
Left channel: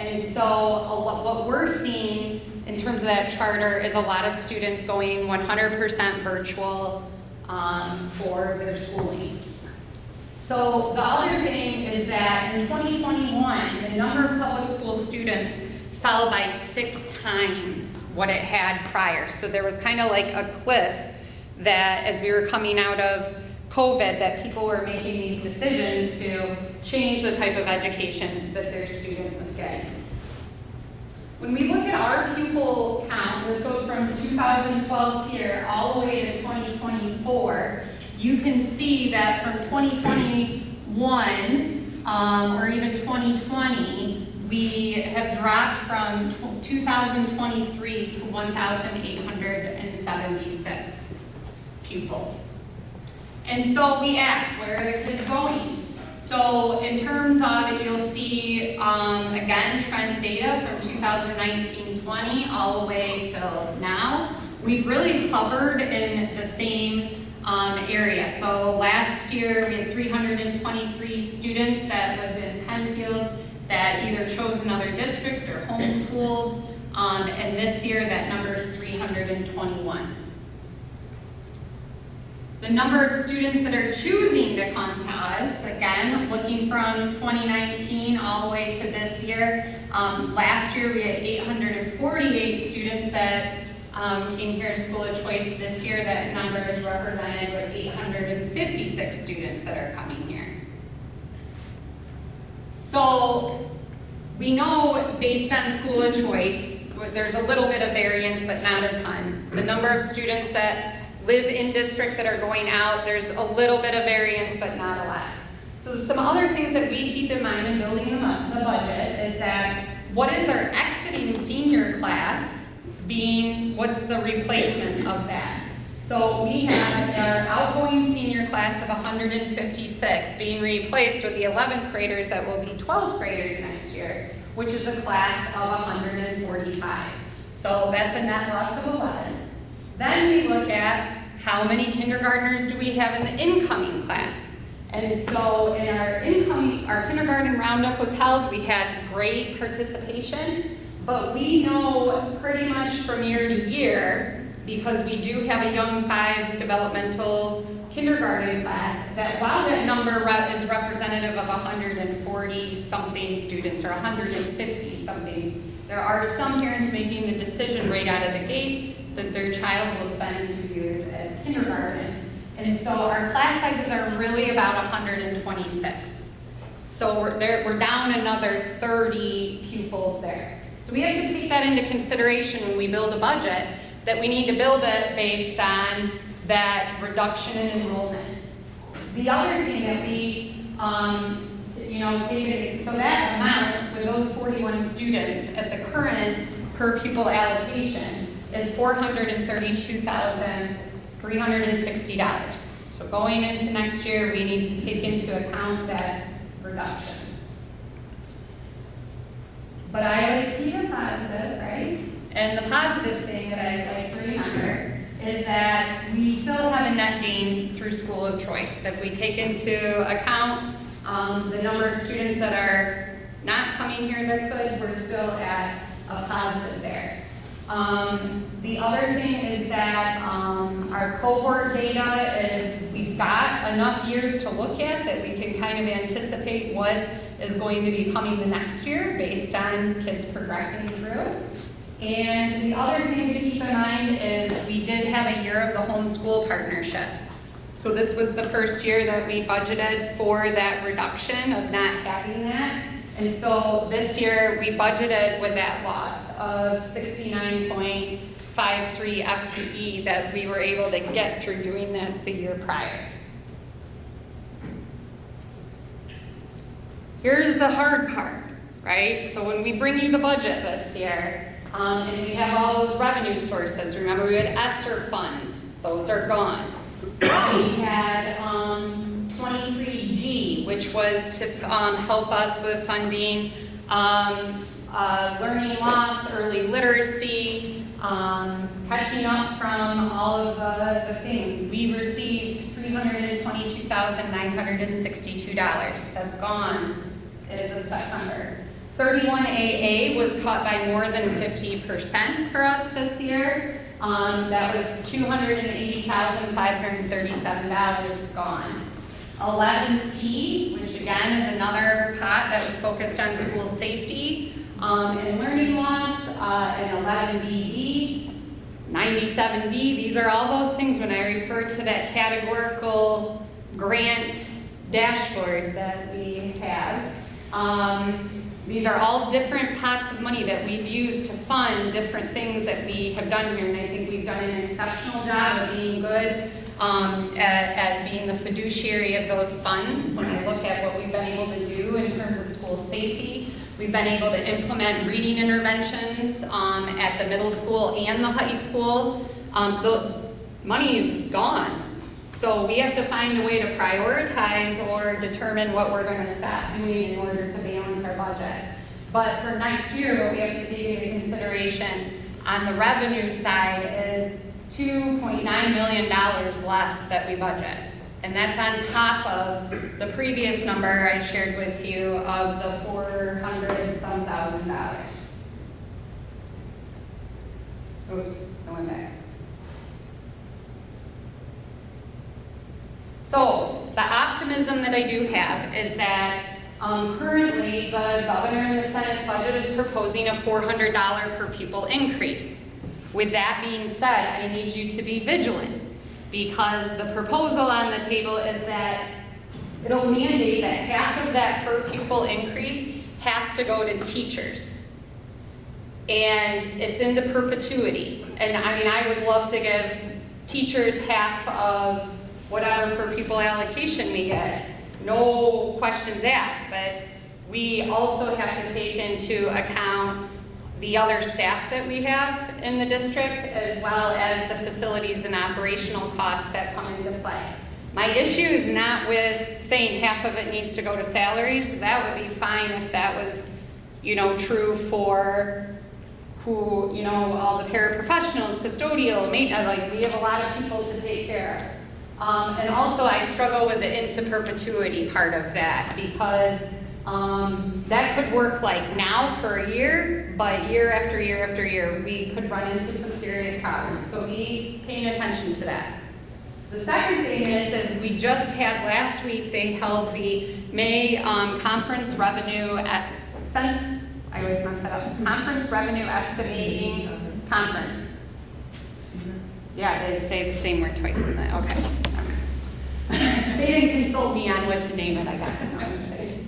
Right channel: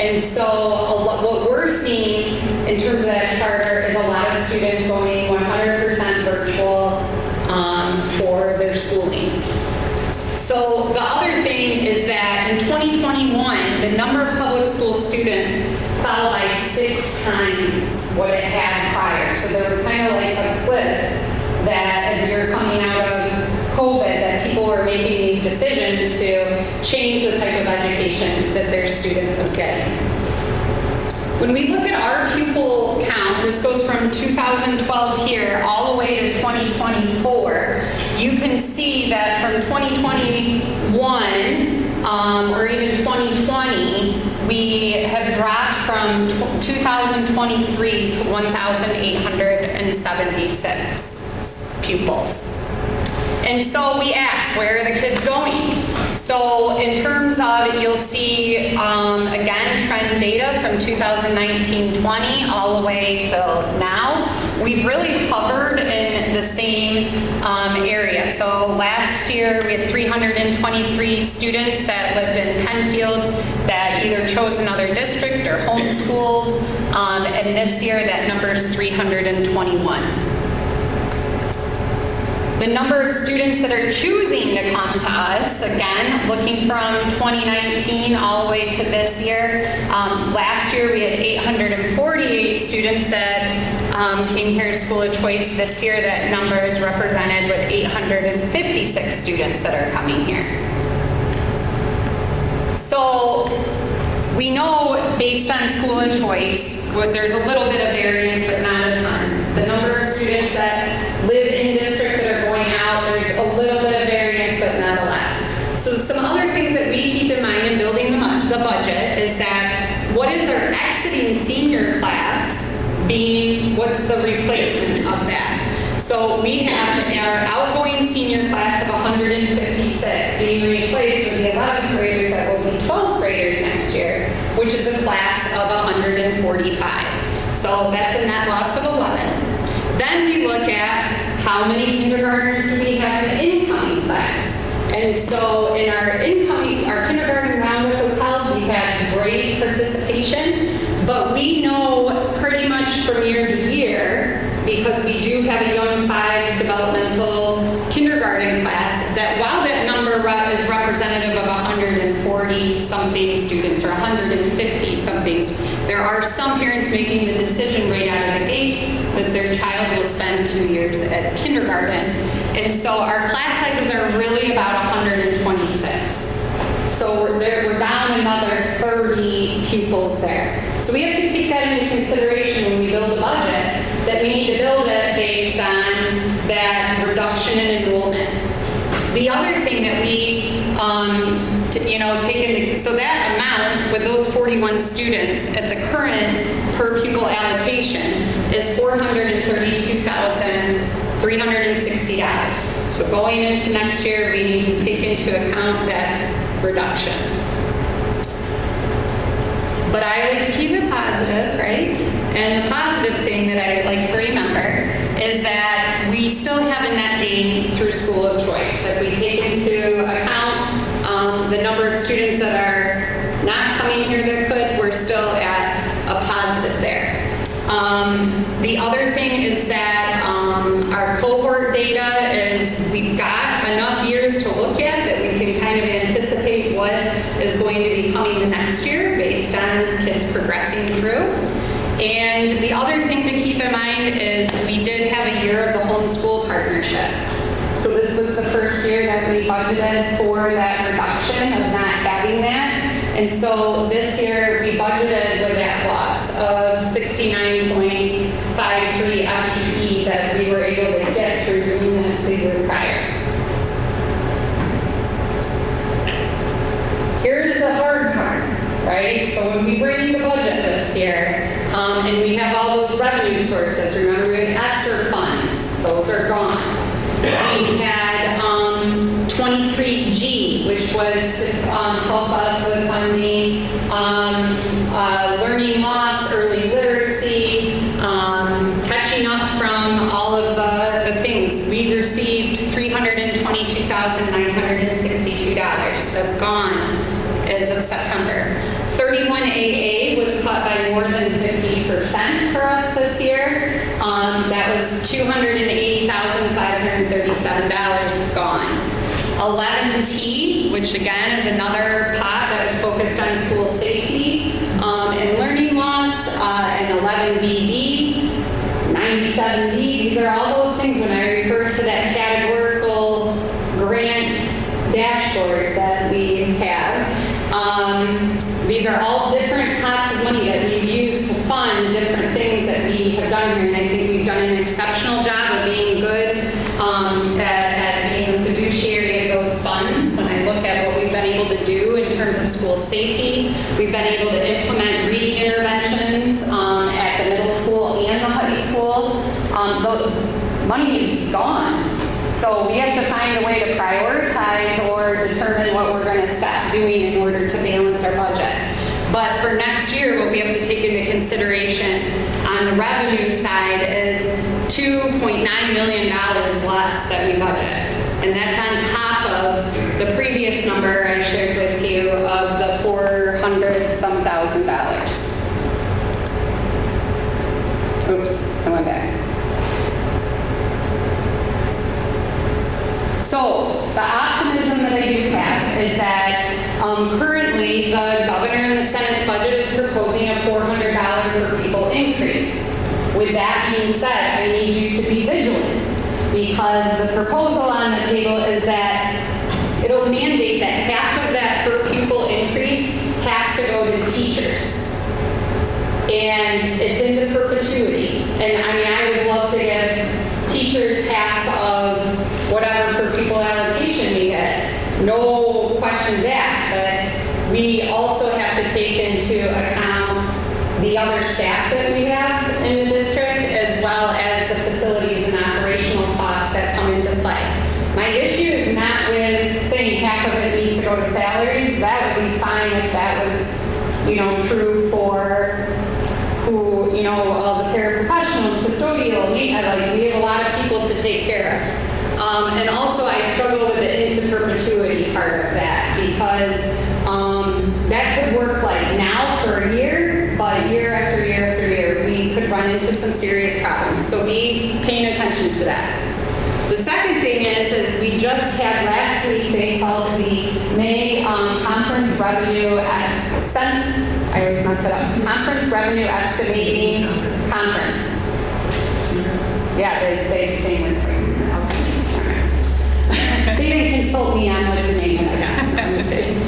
And so what we're seeing in terms of that charter is a lot of students going 100% virtual for their schooling. So the other thing is that in 2021, the number of public school students fell by 6 times what it had prior. So there was kind of like a cliff that as we were coming out of COVID, that people were making these decisions to change the type of education that their student was getting. When we look at our pupil count, this goes from 2012 here all the way to 2024, you can see that from 2021 or even 2020, we have dropped from 2023 to 1,876 pupils. And so we ask, where are the kids going? So in terms of, you'll see, again, trend data from 2019-20 all the way till now. We've really hovered in the same area. So last year, we had 323 students that lived in Penfield that either chose another district or homeschooled. And this year, that number is 321. The number of students that are choosing to come to us, again, looking from 2019 all the way to this year. Last year we had 848 students that came here to School of Choice. This year that number is represented with 856 students that are coming here. So we know based on School of Choice, there's a little bit of variance, but not a ton. The number of students that live in district that are going out, there's a little bit of variance, but not a lot. exiting senior class being what's the replacement of that. So we have our outgoing senior class of 156 being replaced with the 11th graders that will be 12th graders next year, which is a class of 145. So that's a net loss of 11. Then we look at how many kindergartners do we have in the incoming class. And so in our kindergarten roundup was held, we had great participation, but we know pretty much from year to year, because we do have a young fives developmental kindergarten class, that while that number is representative of 140 something students or 150 somethings, there are some parents making the decision right out of the gate that their child will spend 2 years at kindergarten. And so our class sizes are really about 126. So we're down another 30 pupils there. So we have to take that into consideration when we build a budget, that we need to build it based on that reduction in enrollment. The other thing that we take into, so that amount with those 41 students at the current per pupil allocation is $432,360. So going into next year, we need to take into account that reduction. But I like to keep it positive, right? And the positive thing that I like to remember is that we still have a net gain through school of choice. If we take into account the number of students that are not coming here that could, we're still at a positive there. The other thing is that our cohort data is, we've got enough years to look at that we can kind of anticipate what is going to be coming the next year based on kids progressing through. And the other thing to keep in mind is we did have a year of the homeschool partnership. So this was the first year that we budgeted for that reduction of not having that. And so this year we budgeted with that loss of 69.53 FTE that we were able to get through doing that the year prior. Here's the hard part, right? So when we bring in the budget this year, and we have all those revenue sources, remember we had ESSER funds, those are gone. We had 23G, which was to help us with funding learning loss, early literacy, catching up from all of the things. We received $322,962. That's gone as of September. 31AA was cut by more than 50% for us this year. That was $280,537 gone. 11T, which again is another pot that was focused on school safety and learning loss, and 11BB, 97B, these are all those things when I refer to that categorical grant dashboard that we have. These are all different pots of money that we've used to fund different things that we have done here, and I think we've done an exceptional job of being good at being a fiduciary of those funds. When I look at what we've been able to do in terms of school safety, we've been able to implement reading interventions at the middle school and the high school. The money is gone. So we have to find a way to prioritize or determine what we're going to stop doing in order to balance our budget. But for next year, what we have to take into consideration on the revenue side is $2.9 million less that we budget. And that's on top of the previous number I shared with you of the $400-some thousand. Oops, I went back. So the optimism that I do have is that currently the governor and the Senate's budget is proposing a $400 per pupil increase. With that being said, I need you to be vigilant because the proposal on the table is that it'll mandate that half of that per pupil increase has to go to teachers. And it's into perpetuity. And I mean, I would love to give teachers half of whatever per pupil allocation we get, no questions asked, but we also have to take into account the the other staff that we have in the district, as well as the facilities and operational costs that come into play. My issue is not with saying half of it needs to go to salaries. That would be fine if that was, true for who, all the paraprofessionals, custodial, like we have a lot of people to take care of. And also I struggle with the into perpetuity part of that, because that could work like now for a year, but year after year after year, we could run into some serious problems. So be paying attention to that. The second thing is we just had last week, they held the May conference revenue I always mess it up, conference revenue estimating conference. Yeah, they say the same word twice. Okay. They didn't consult me on what to name it, I guess. I'm just kidding.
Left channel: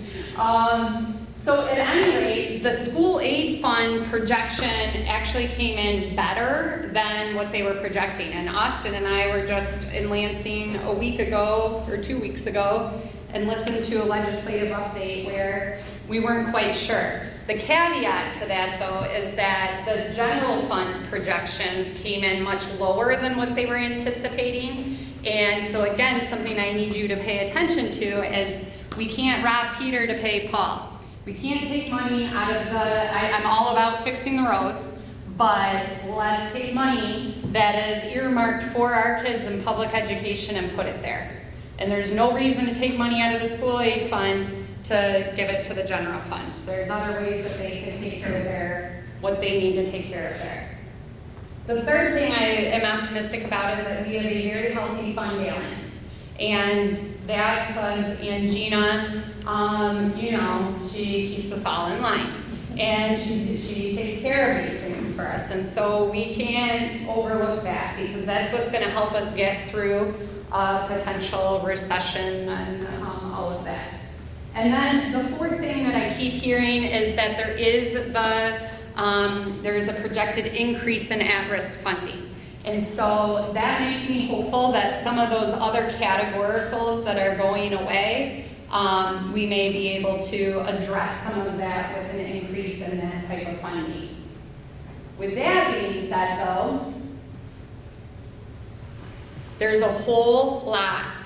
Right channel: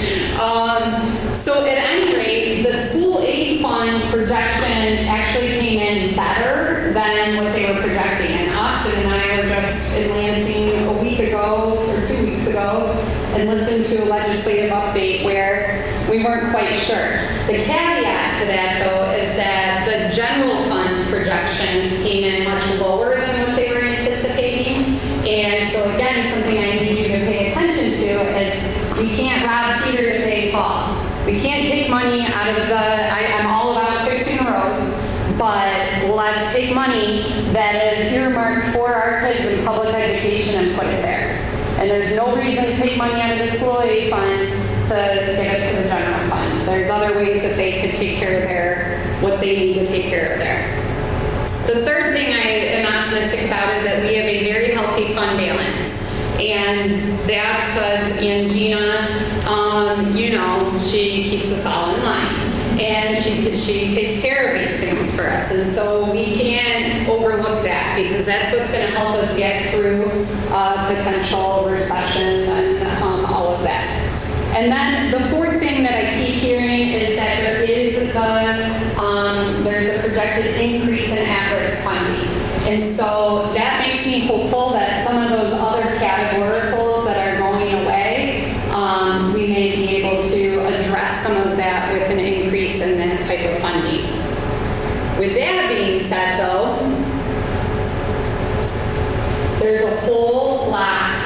So at any rate, the school aid fund projection actually came in better than what they were projecting. And Austin and I were just in Lansing a week ago or 2 weeks ago and listened to a legislative update where we weren't quite sure. The caveat to that, though, is that the general fund projections came in much lower than what they were anticipating. And so again, something I need you to pay attention to is we can't rob Peter to pay Paul. We can't take money out of I'm all about fixing the roads, but let's take money that is earmarked for our kids in public education and put it there. And there's no reason to take money out of the school aid fund to give it to the general fund. There's other ways that they could take care of what they need to take care of there. The third thing I am optimistic about is that we have a very healthy fund balance. And that's because Angina, she keeps us all in line. And she takes care of these things for us. And so we can't overlook that, because that's what's going to help us get through potential recession and all of that. And then the fourth thing that I keep hearing is that there's a projected increase in at-risk funding. And so that makes me hopeful that some of those other categoricals that are going away, we may be able to address some of that with an increase in that type of funding. With that being said, though, there's a whole lot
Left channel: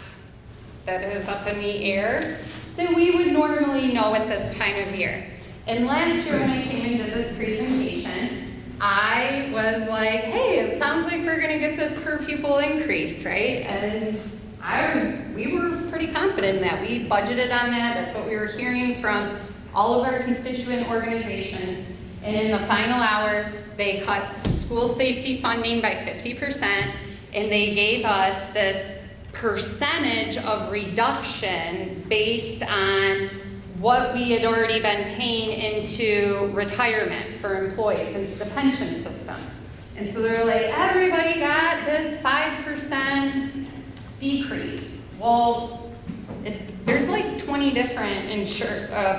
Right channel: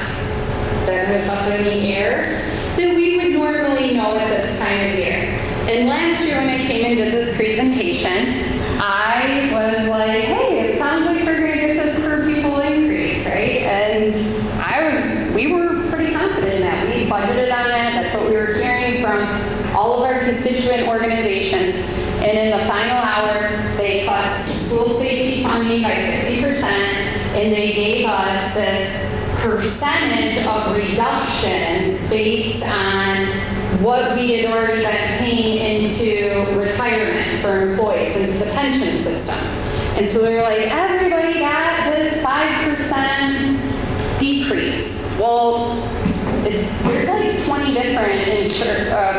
that is up in the air that we would normally know at this time of year. And last year when I came and did this presentation, I was like, hey, it sounds like we're going to get this per pupil increase, right? And we were pretty confident in that. We budgeted on that. That's what we were hearing from all of our constituent organizations. And in the final hour, they cut school safety funding by 50%, and they gave us this percentage of reduction based on what we had already been paying into retirement for employees, into the pension system. And so they were like, everybody got this 5% decrease. Well, there's like 20 different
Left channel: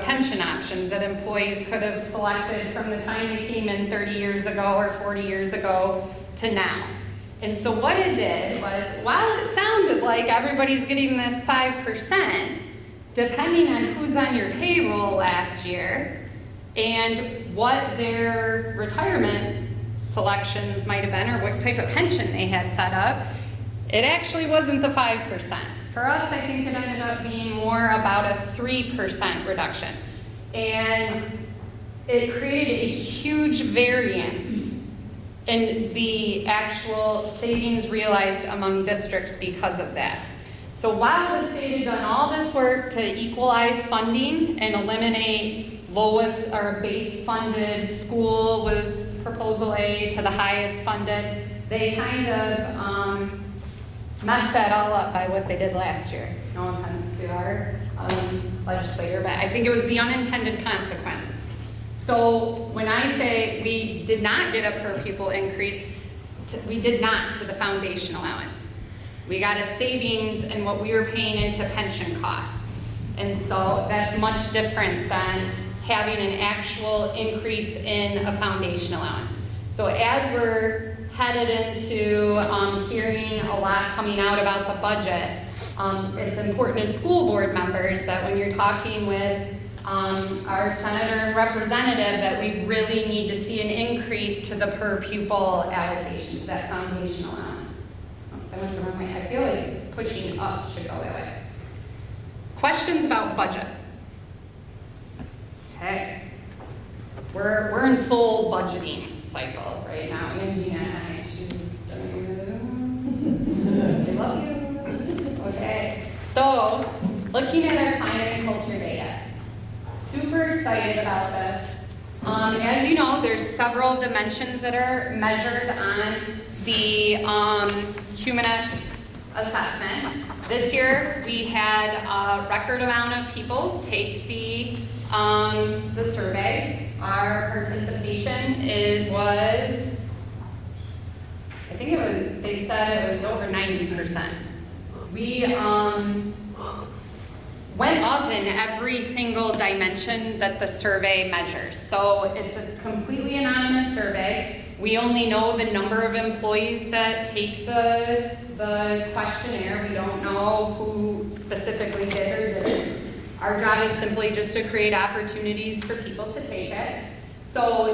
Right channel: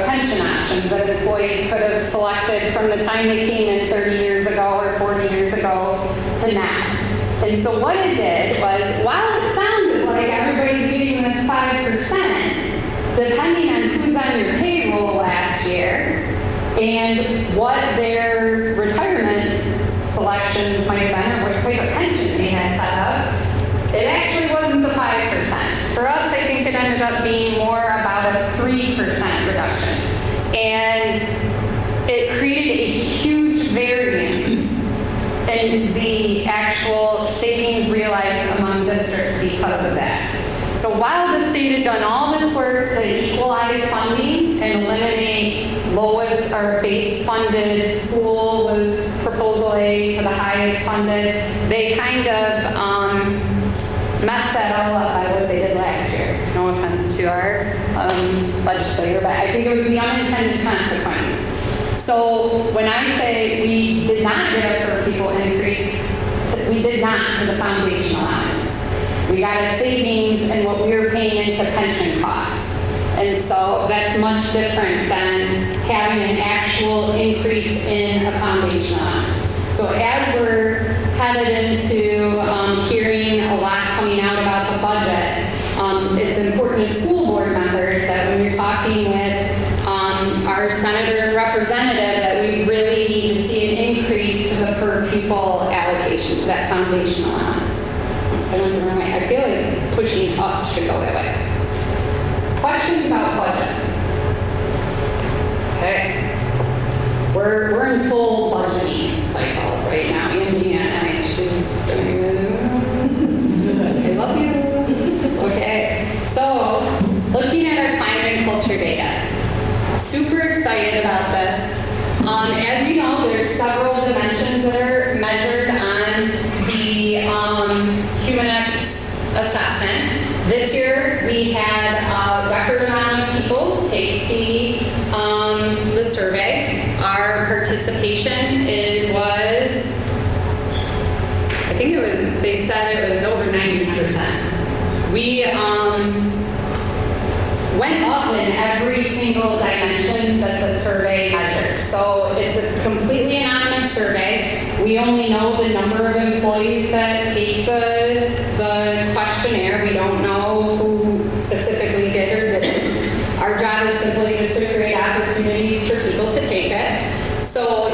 pension options that employees could have selected from the time they came in 30 years ago or 40 years ago to now. And so what it did was, while it sounded like everybody's getting this 5%, depending on who's on your payroll last year and what their retirement selections might have been, or which type of pension they had set up, it actually wasn't the 5%. For us, I think it ended up being more about a 3% reduction. And it created a huge variance in the actual savings realized among districts because of that. So while the state had done all this work to equalize funding and eliminate lowest or base funded school with proposal A to the highest funded, they kind of messed that all up by what they did last year. No offense to our legislator, but I think it was the unintended consequence. So when I say we did not get a per pupil increase, we did not to the foundation allowance. We got a savings in what we were paying into pension costs. And so that's much different than having an actual increase in a foundation allowance. So as we're headed into hearing a lot coming out about the budget, it's important as school board members that when you're talking with our senator and representative that we really need to see an per pupil allocation to that foundation allowance. So I went the wrong way. I feel like pushing up should go that way. Questions about budget? Okay. We're in full budgeting cycle right now. Angie and I, she's I love you. Okay. So, looking at our climate and culture data. Super excited about this. As you know, there's several dimensions that are measured on the Humanex assessment. This year, we had a record amount of people take the survey. Our participation, they said it was over 90%. We went up in every single dimension that the survey measures. So it's a completely anonymous survey. We only know the number of employees that take the questionnaire. We don't know who specifically did or didn't. Our job is simply just to create opportunities for people to take it. So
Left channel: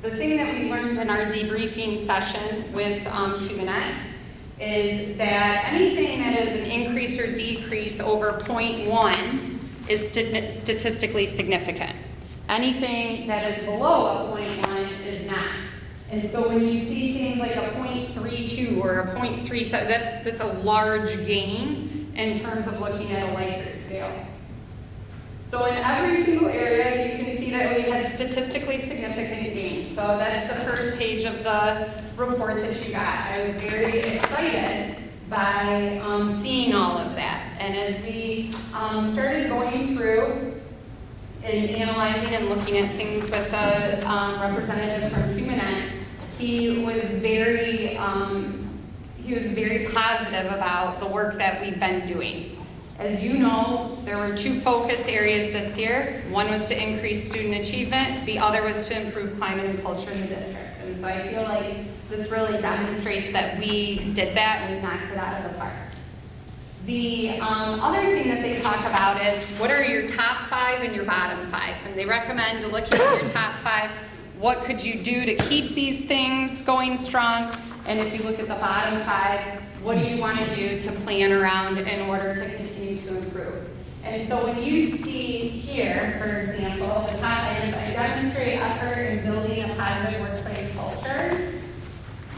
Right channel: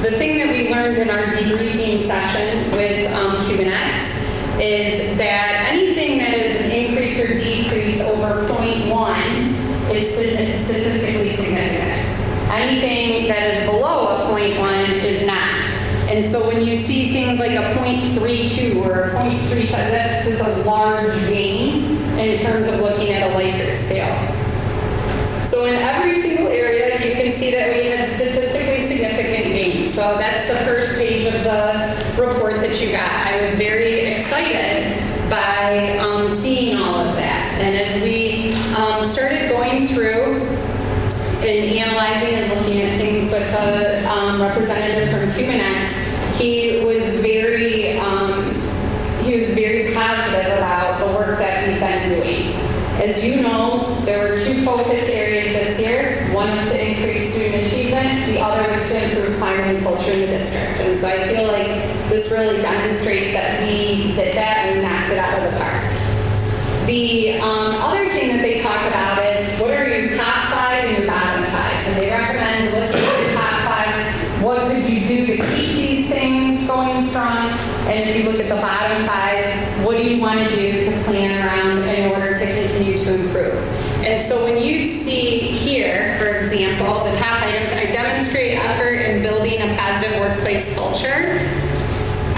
the thing that we learned in our debriefing session with Humanex is that anything that is an increase or decrease over 0.1 is statistically significant. Anything that is below a 0.1 is not. And so when you see things like a 0.32 or a 0.37, that's a large gain in terms of looking at a Likert scale. So in every single area, you can see that we had statistically significant gains. So that's the first page of the report that you got. I was very excited by seeing all of that. And as we started going through and analyzing and looking at things with the representative from Humanex, he was very positive about the work that we've been doing. As you know, there were two focus areas this year. One was to increase student achievement. The other was to improve climate and culture in the district. And so I feel like this really demonstrates that we did that and we knocked it out of the park. The other thing that they talk about is what are your top 5 and your bottom 5? And they recommend looking at your top 5. What could you do to keep these things going strong? And if you look at the bottom 5, what do you want to do to plan around in order to continue to improve? And so when you see here, for example, the top items, I demonstrate effort in building a positive workplace culture.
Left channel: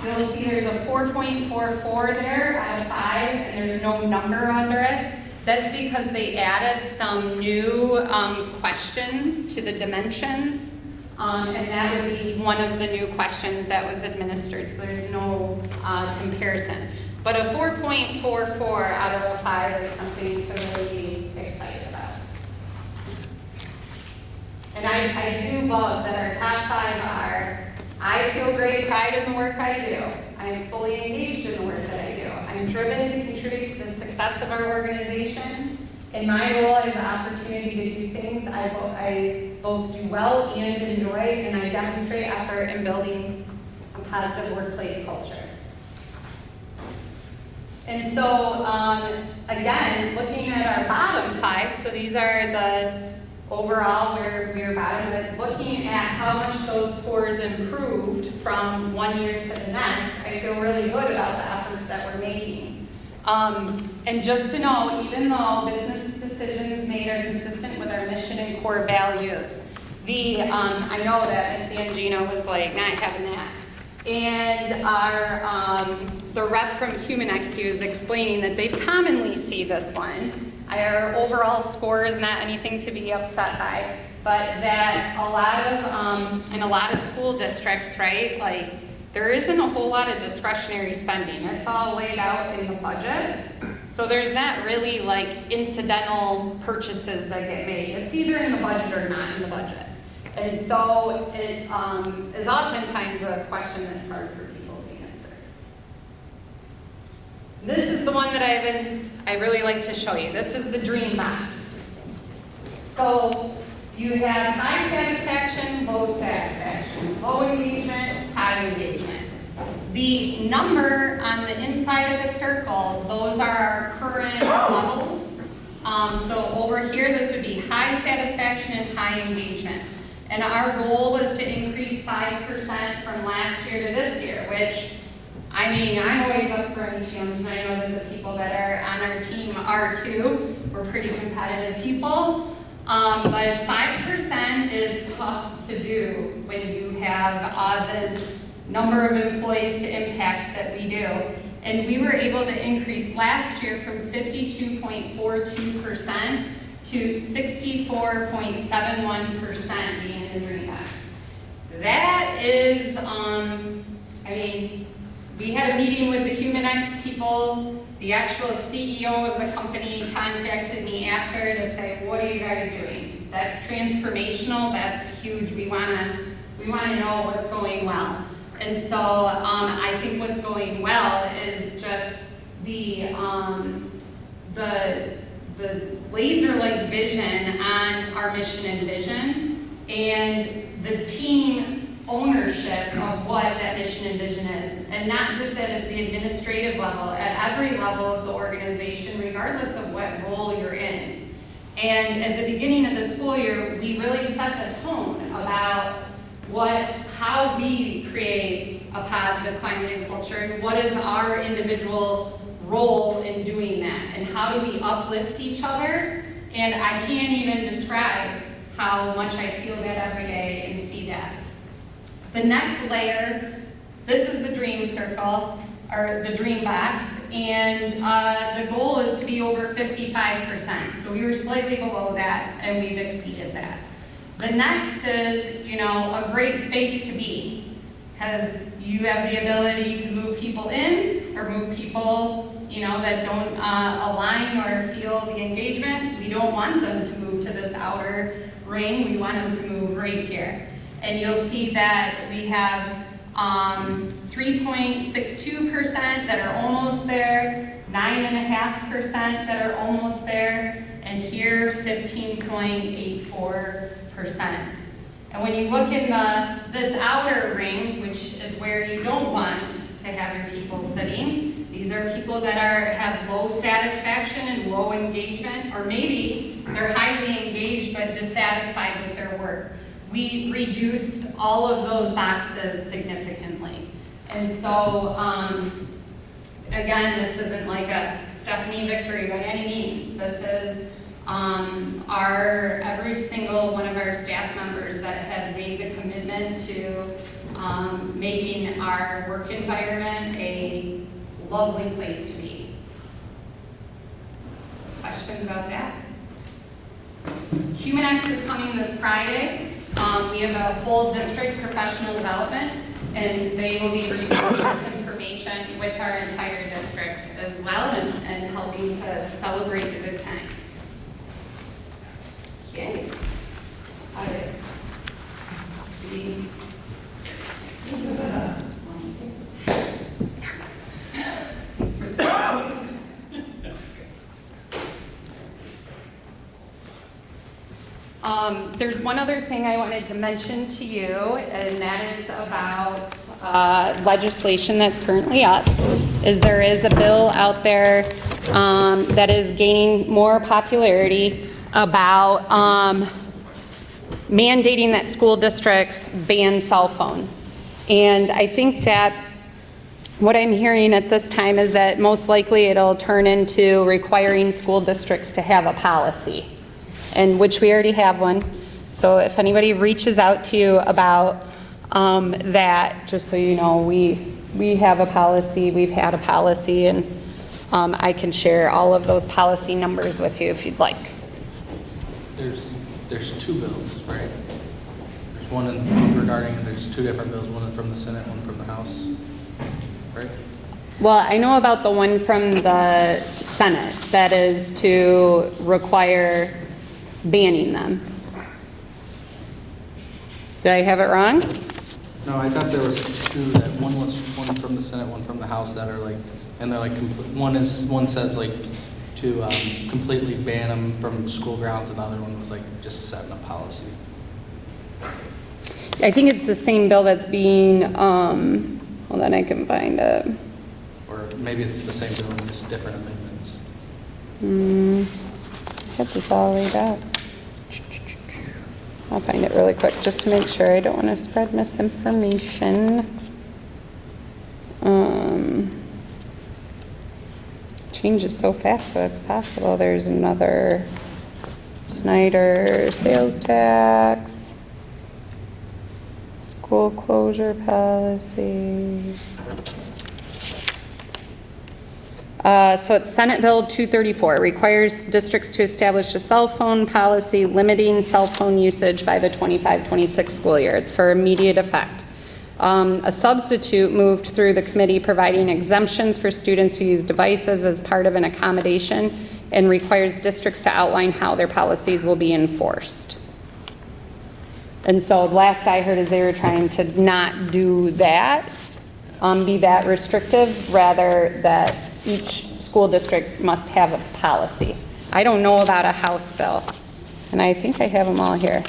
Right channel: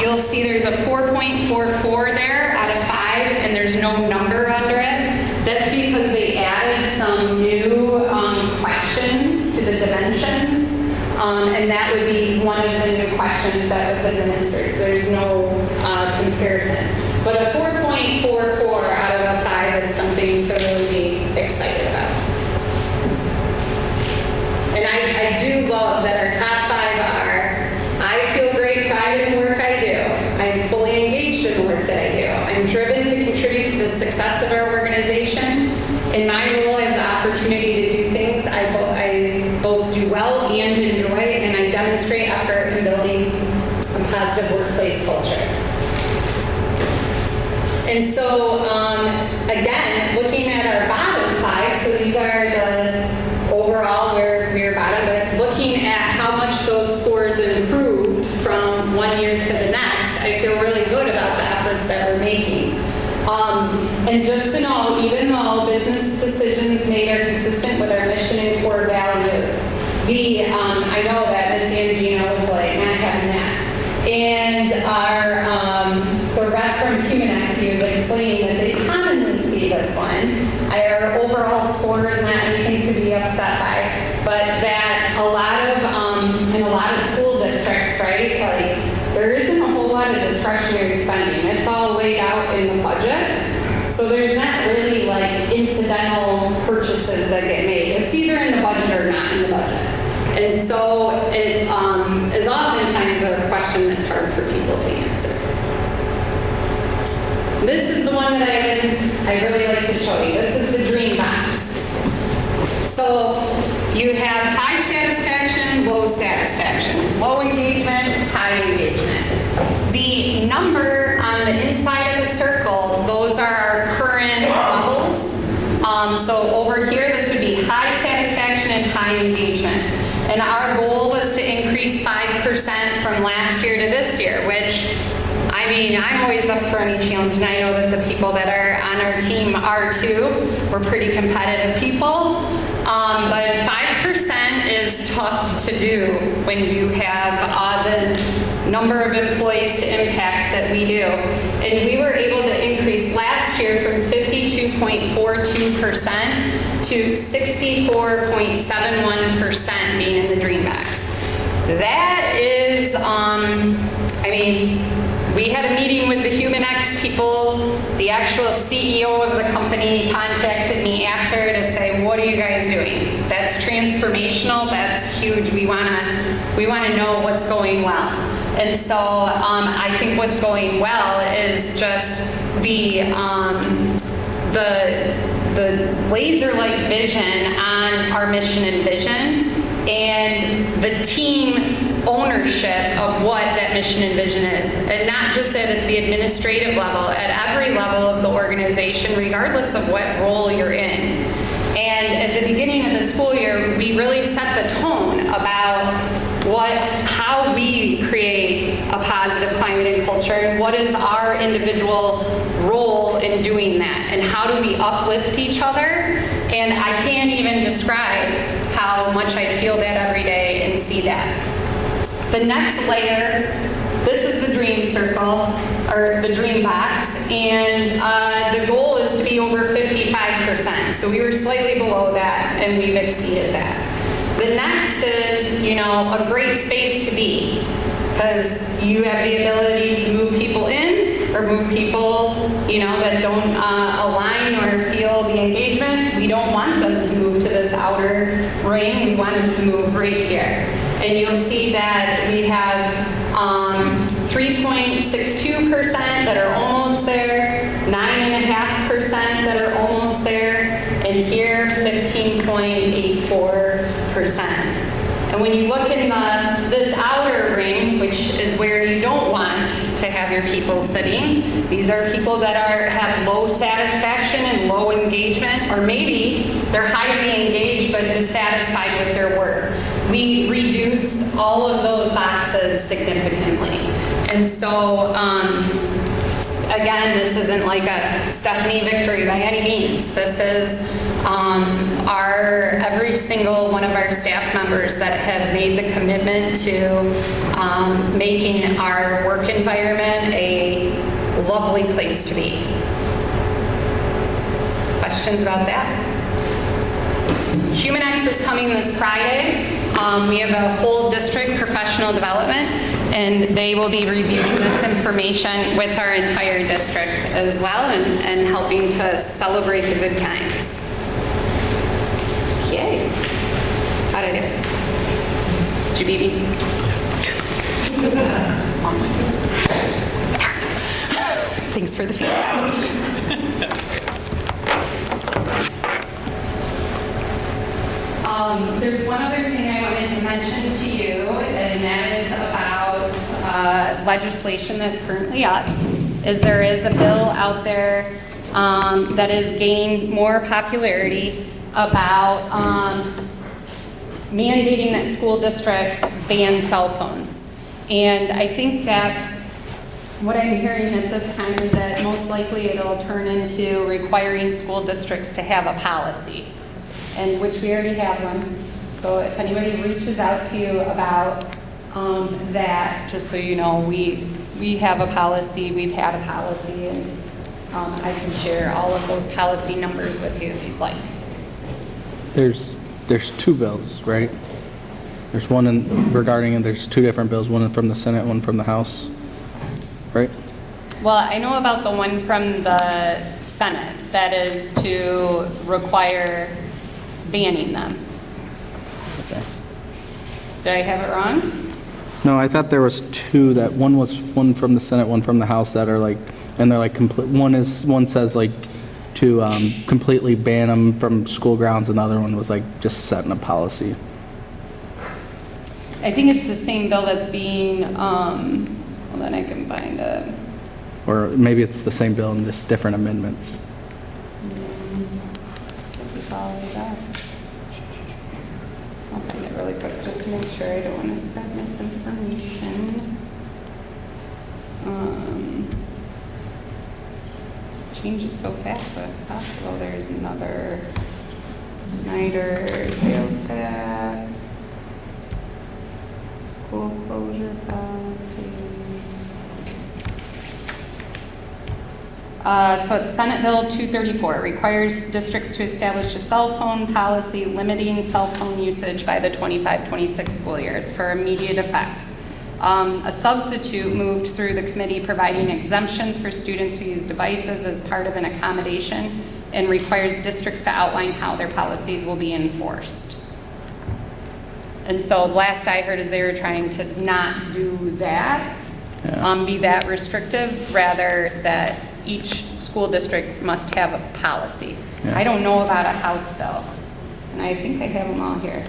You'll see there's a 4.44 there out of 5, and there's no number under it. That's because they added some new questions to the dimensions. And that would be one of the new questions that was administered, so there's no comparison. But a 4.44 out of a 5 is something to really be excited about. And I do love that our top 5 are, I feel great pride in the work I do. I'm fully engaged in the work that I do. I'm driven to contribute to the success of our organization. In my role, I have the opportunity to do things I both do well and enjoy, and I demonstrate effort in building a positive workplace culture. And so, again, looking at our bottom 5, so these are the overall we're bottom, but looking at how much those scores improved from one year to the next, I feel really good about the efforts that we're making. And just to know, even though business decisions made are consistent with our mission and core values, I know that Ms. Angina was like, not having that. And the rep from Humanex, he was explaining that they commonly see this one. Our overall score is not anything to be upset by, but that in a lot of school districts, right, like there isn't a whole lot of discretionary spending. It's all laid out in the budget. So there's not really like incidental purchases that get made. It's either in the budget or not in the budget. And so it is oftentimes a question that's hard for people to answer. This is the one that I really like to show you. This is the dream box. So you have high satisfaction, low satisfaction, low engagement, high engagement. The number on the inside of the circle, those are our current levels. So over here, this would be high satisfaction and high engagement. And our goal was to increase 5% from from last year to this year, which, I mean, I'm always up for any challenge, and I know that the people that are on our team are too. We're pretty competitive people. But 5% is tough to do when you have the number of employees to impact that we do. And we were able to increase last year from 52.42% to 64.71% being in the dream box. That is, I mean, we had a meeting with the HumanX people. The actual CEO of the company contacted me after to say, what are you guys doing? That's transformational, that's huge. We wanna know what's going well. And so I think what's going well is just the laser-like vision on our mission and vision, and the team ownership of what that mission and vision is, and not just at the administrative level, at every level of the organization, regardless of what role you're in. And at the beginning of the school year, we really set the tone about how we create a positive climate and culture, and what is our individual role in doing that, and how do we uplift each other. And I can't even describe how much I feel that every day and see that. The next layer, this is the dream circle, or the dream box, and the goal is to be over 55%. So we were slightly below that, and we've exceeded that. The next is, a great space to be, because you have the ability to move people in, or move people, that don't align or feel the engagement. We don't want them to move to this outer ring. We want them to move right here. And you'll see that we have 3.62% that are almost there, 9.5% that are almost there, and here 15.84%. And when you look in this outer ring, which is where you don't want to have your people sitting, these are people that have low satisfaction and low engagement, or maybe they're highly engaged but dissatisfied with their work. We reduced all of those boxes significantly. And so, again, this isn't like a Stephanie victory by any means. This is every single one of our staff members that have made the commitment to making our work environment a lovely place to be. Questions about that? HumanX is coming this Friday. We have a whole district professional development, and they will be reviewing this information with our entire district as well, and helping to celebrate the good times. Yay. How did I do? Did you beat me? Thanks for the feedback. There's one other thing I wanted to mention to you, and that is about legislation that's currently up. There is a bill out there that is gaining more popularity about mandating that school districts ban cell phones. And I think that what I'm hearing at this time is that most likely it'll turn into requiring school districts to have a policy, and which we already have one. So if anybody reaches out to you about that, just so you know, we have a policy, we've had a policy, and I can share all of those policy numbers with you if you'd like. There's two bills, right? There's one regarding, there's two different bills, one from the Senate, one from the House, right? Well, I know about the one from the Senate that is to require banning them. Okay. Did I have it wrong? No, I thought there was two, that one was one from the Senate, one from the House that are like, and they're like complete, one says like to completely ban them from school grounds, and the other one was like just setting a policy. I think it's the same bill that's being, well, then I can find it. Or maybe it's the same bill and just different amendments. Check this all the way back. I'll find it really quick just to make sure. I don't want to spread misinformation. Changes so fast, so it's possible. There's another Snyder sales tax, school closure policy. So it's Senate Bill 234. It requires districts to establish a cell phone policy limiting cell phone usage by the 25-26 school year. It's for immediate effect. A substitute moved through the committee providing exemptions for students who use devices as part of an accommodation and requires districts to outline how their policies will be enforced. And so last I heard is they were trying to not do that, be that restrictive, rather that each school district must have a policy. Yeah. I don't know about a House bill, and I think I have them all here.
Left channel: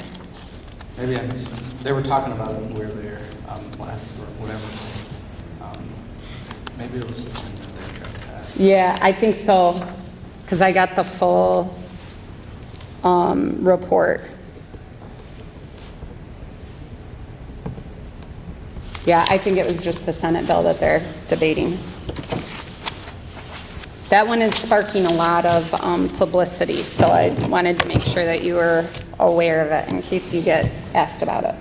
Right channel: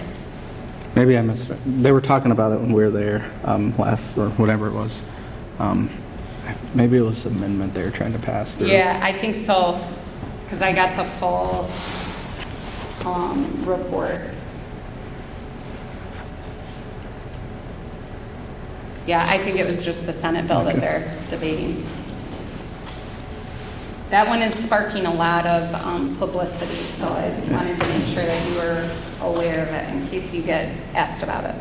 Maybe I missed it. They were talking about it when we were there last, or whatever it was. Maybe it was an amendment they were trying to pass. through. Yeah, I think so, because I got the full report. Yeah, I think it was just the Senate bill that they're debating. That one is sparking a lot of publicity, so I wanted to make sure that you were aware of it in case you get asked about it.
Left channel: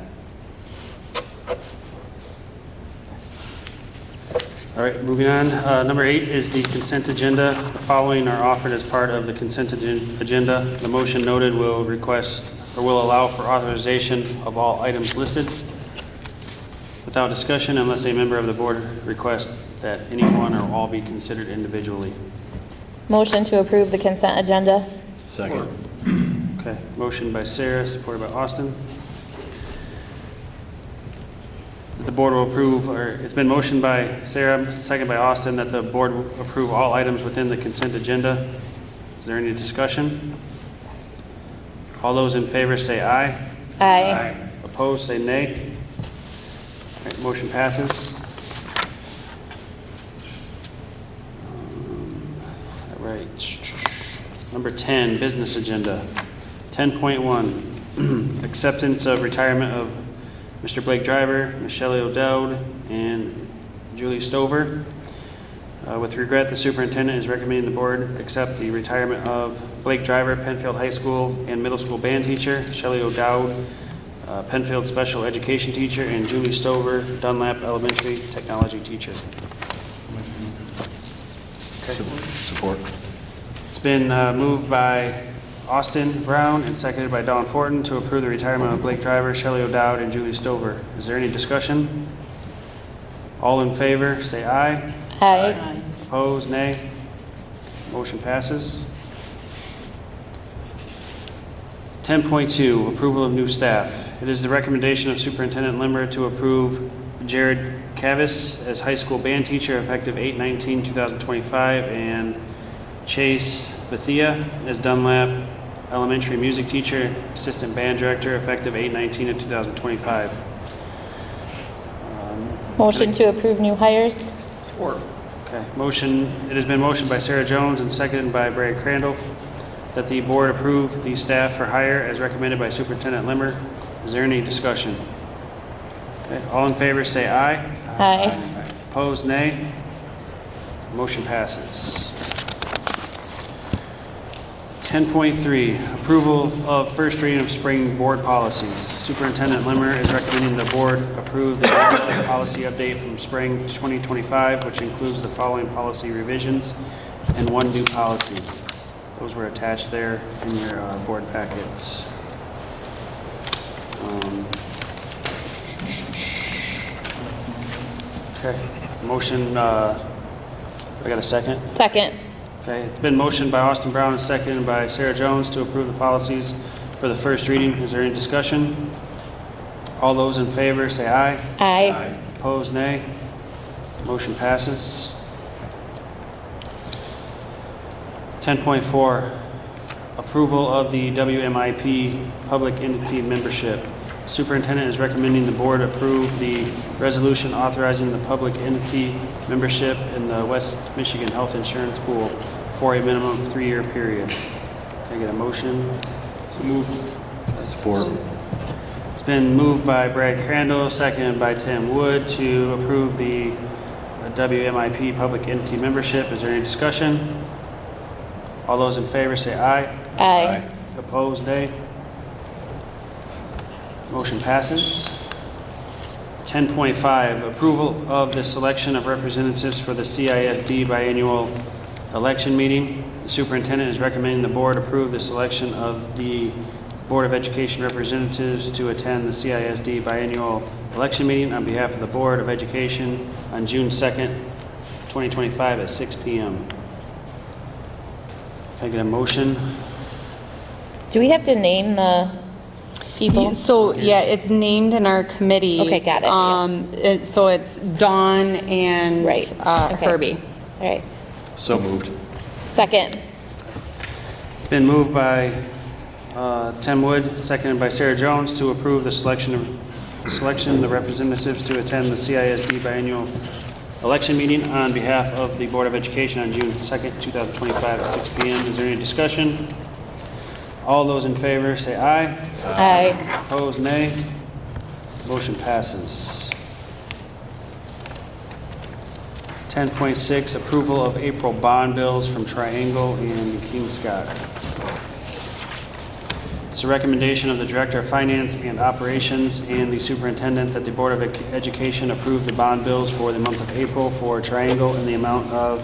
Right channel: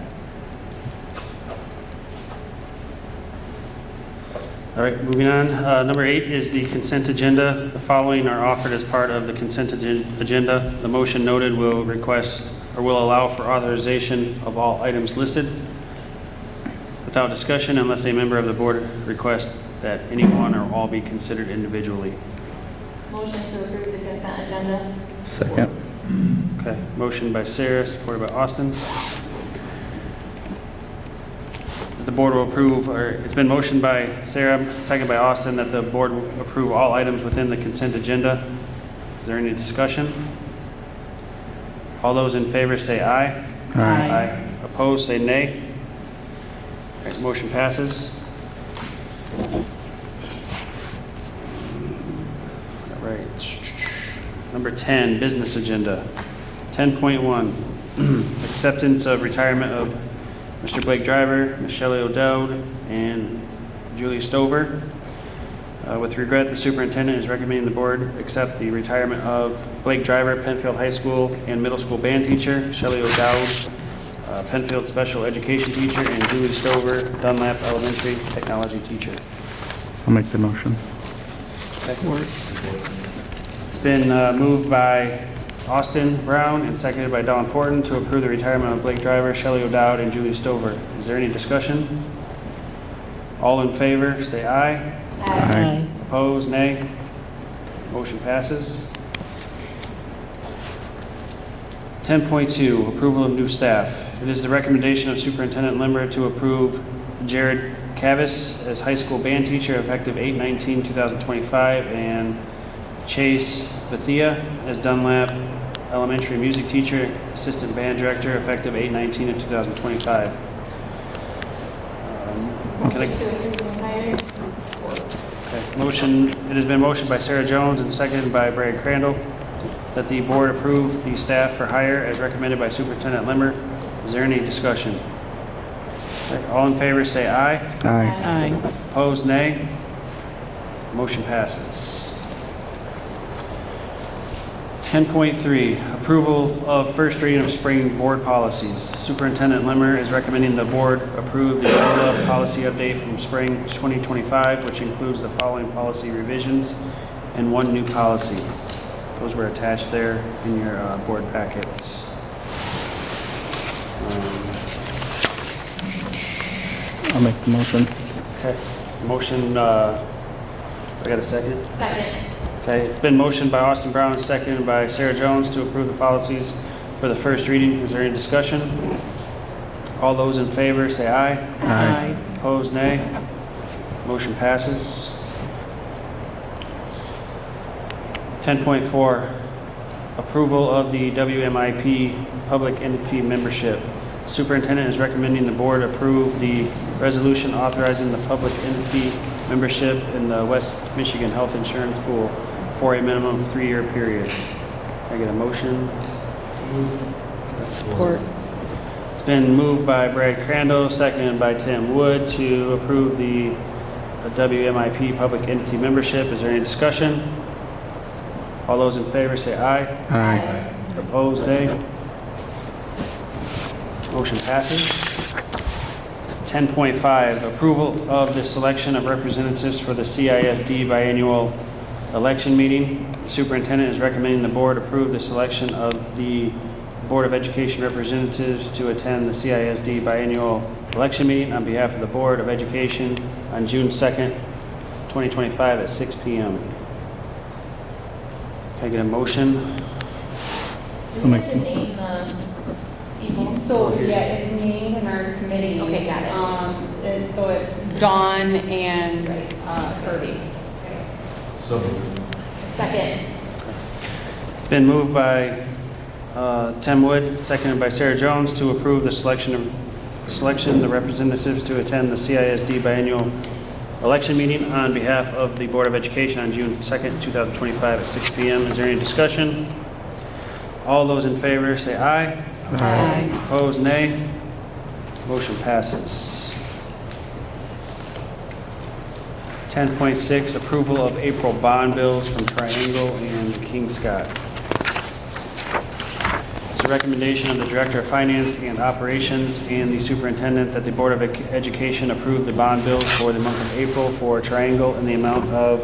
All right, moving on. Number 8 is the consent agenda. The following are offered as part of the consent agenda. The motion noted will request or will allow for authorization of all items listed without discussion unless a member of the board requests that any one or all be considered individually. Motion to approve the consent agenda. Second. Okay, motion by Sarah, supported by Austin. The board will approve, or it's been motioned by Sarah, second by Austin, that the board will approve all items within the consent agenda. Is there any discussion? All those in favor say aye. Aye. Opposed, say nay. All right, motion passes. All right. Number 10, business agenda. 10.1, acceptance of retirement of Mr. Blake Driver, Michelle O'Dowd, and Julie Stover. With regret, the superintendent is recommending the board accept the retirement of Blake Driver, Penfield High School and Middle School band teacher, Shelley O'Dowd, Penfield special education teacher, and Julie Stover, Dunlap Elementary technology teacher. I'll make the motion. Support. It's been moved by Austin Brown and seconded by Dawn Porton to approve the retirement of Blake Driver, Shelley O'Dowd, and Julie Stover. Is there any discussion? All in favor, say aye. Aye. Opposed, nay. Motion passes. 10.2, approval of new staff. It is the recommendation of Superintendent Limmer to approve Jared Cavis as high school band teacher effective 8/19/2025 and Chase Bethia as Dunlap Elementary music teacher, assistant band director effective 8/19/2025. Motion to approve new hires. Motion, it has been motioned by Sarah Jones and seconded by Brad Crandall that the board approve the staff for hire as recommended by Superintendent Limmer. Is there any discussion? Okay, all in favor say aye. Aye. Opposed, nay. Motion passes. 10.3, approval of first reading of spring board policies. Superintendent Limmer is recommending the board approve the EOLA policy update from spring 2025, which includes the following policy revisions and one new policy. Those were attached there in your board packets. I'll make the motion. Okay, motion, I got a second? Second. Okay, it's been motioned by Austin Brown and seconded by Sarah Jones to approve the policies for the first reading. Is there any discussion? All those in favor say aye. Aye. Opposed, nay. Motion passes. 10.4, approval of the WMIP public entity membership. Superintendent is recommending the board approve the resolution authorizing the public entity membership in the West Michigan Health Insurance Pool for a minimum 3-year period. Can I get a motion? Support. It's been moved by Brad Crandall, seconded by Tim Wood to approve the WMIP public entity membership. Is there any discussion? All those in favor say aye. Aye. Opposed, nay. Motion passes. 10.5, approval of the selection of representatives for the CISD biannual election meeting. The superintendent is recommending the board approve the selection of the Board of Education representatives to attend the CISD biannual election meeting on behalf of the Board of Education on June 2nd, 2025 at 6 p.m. Can I get a motion? Do we have to name the people? So, yeah, it's named in our committees. Okay, got it, So it's Dawn and Right, okay. Kirby. All right. So moved. Second. It's been moved by Tim Wood, seconded by Sarah Jones, to approve the selection of the representatives to attend the CISD biannual election meeting on behalf of the Board of Education on June 2nd, 2025 at 6 p.m. Is there any discussion? All those in favor say aye. Aye. Opposed, nay. Motion passes. 10.6, approval of April bond bills from Triangle and King Scott. It's a recommendation of the Director of Finance and Operations and the Superintendent that the Board of Education approve the bond bills for the month of April for Triangle in the amount of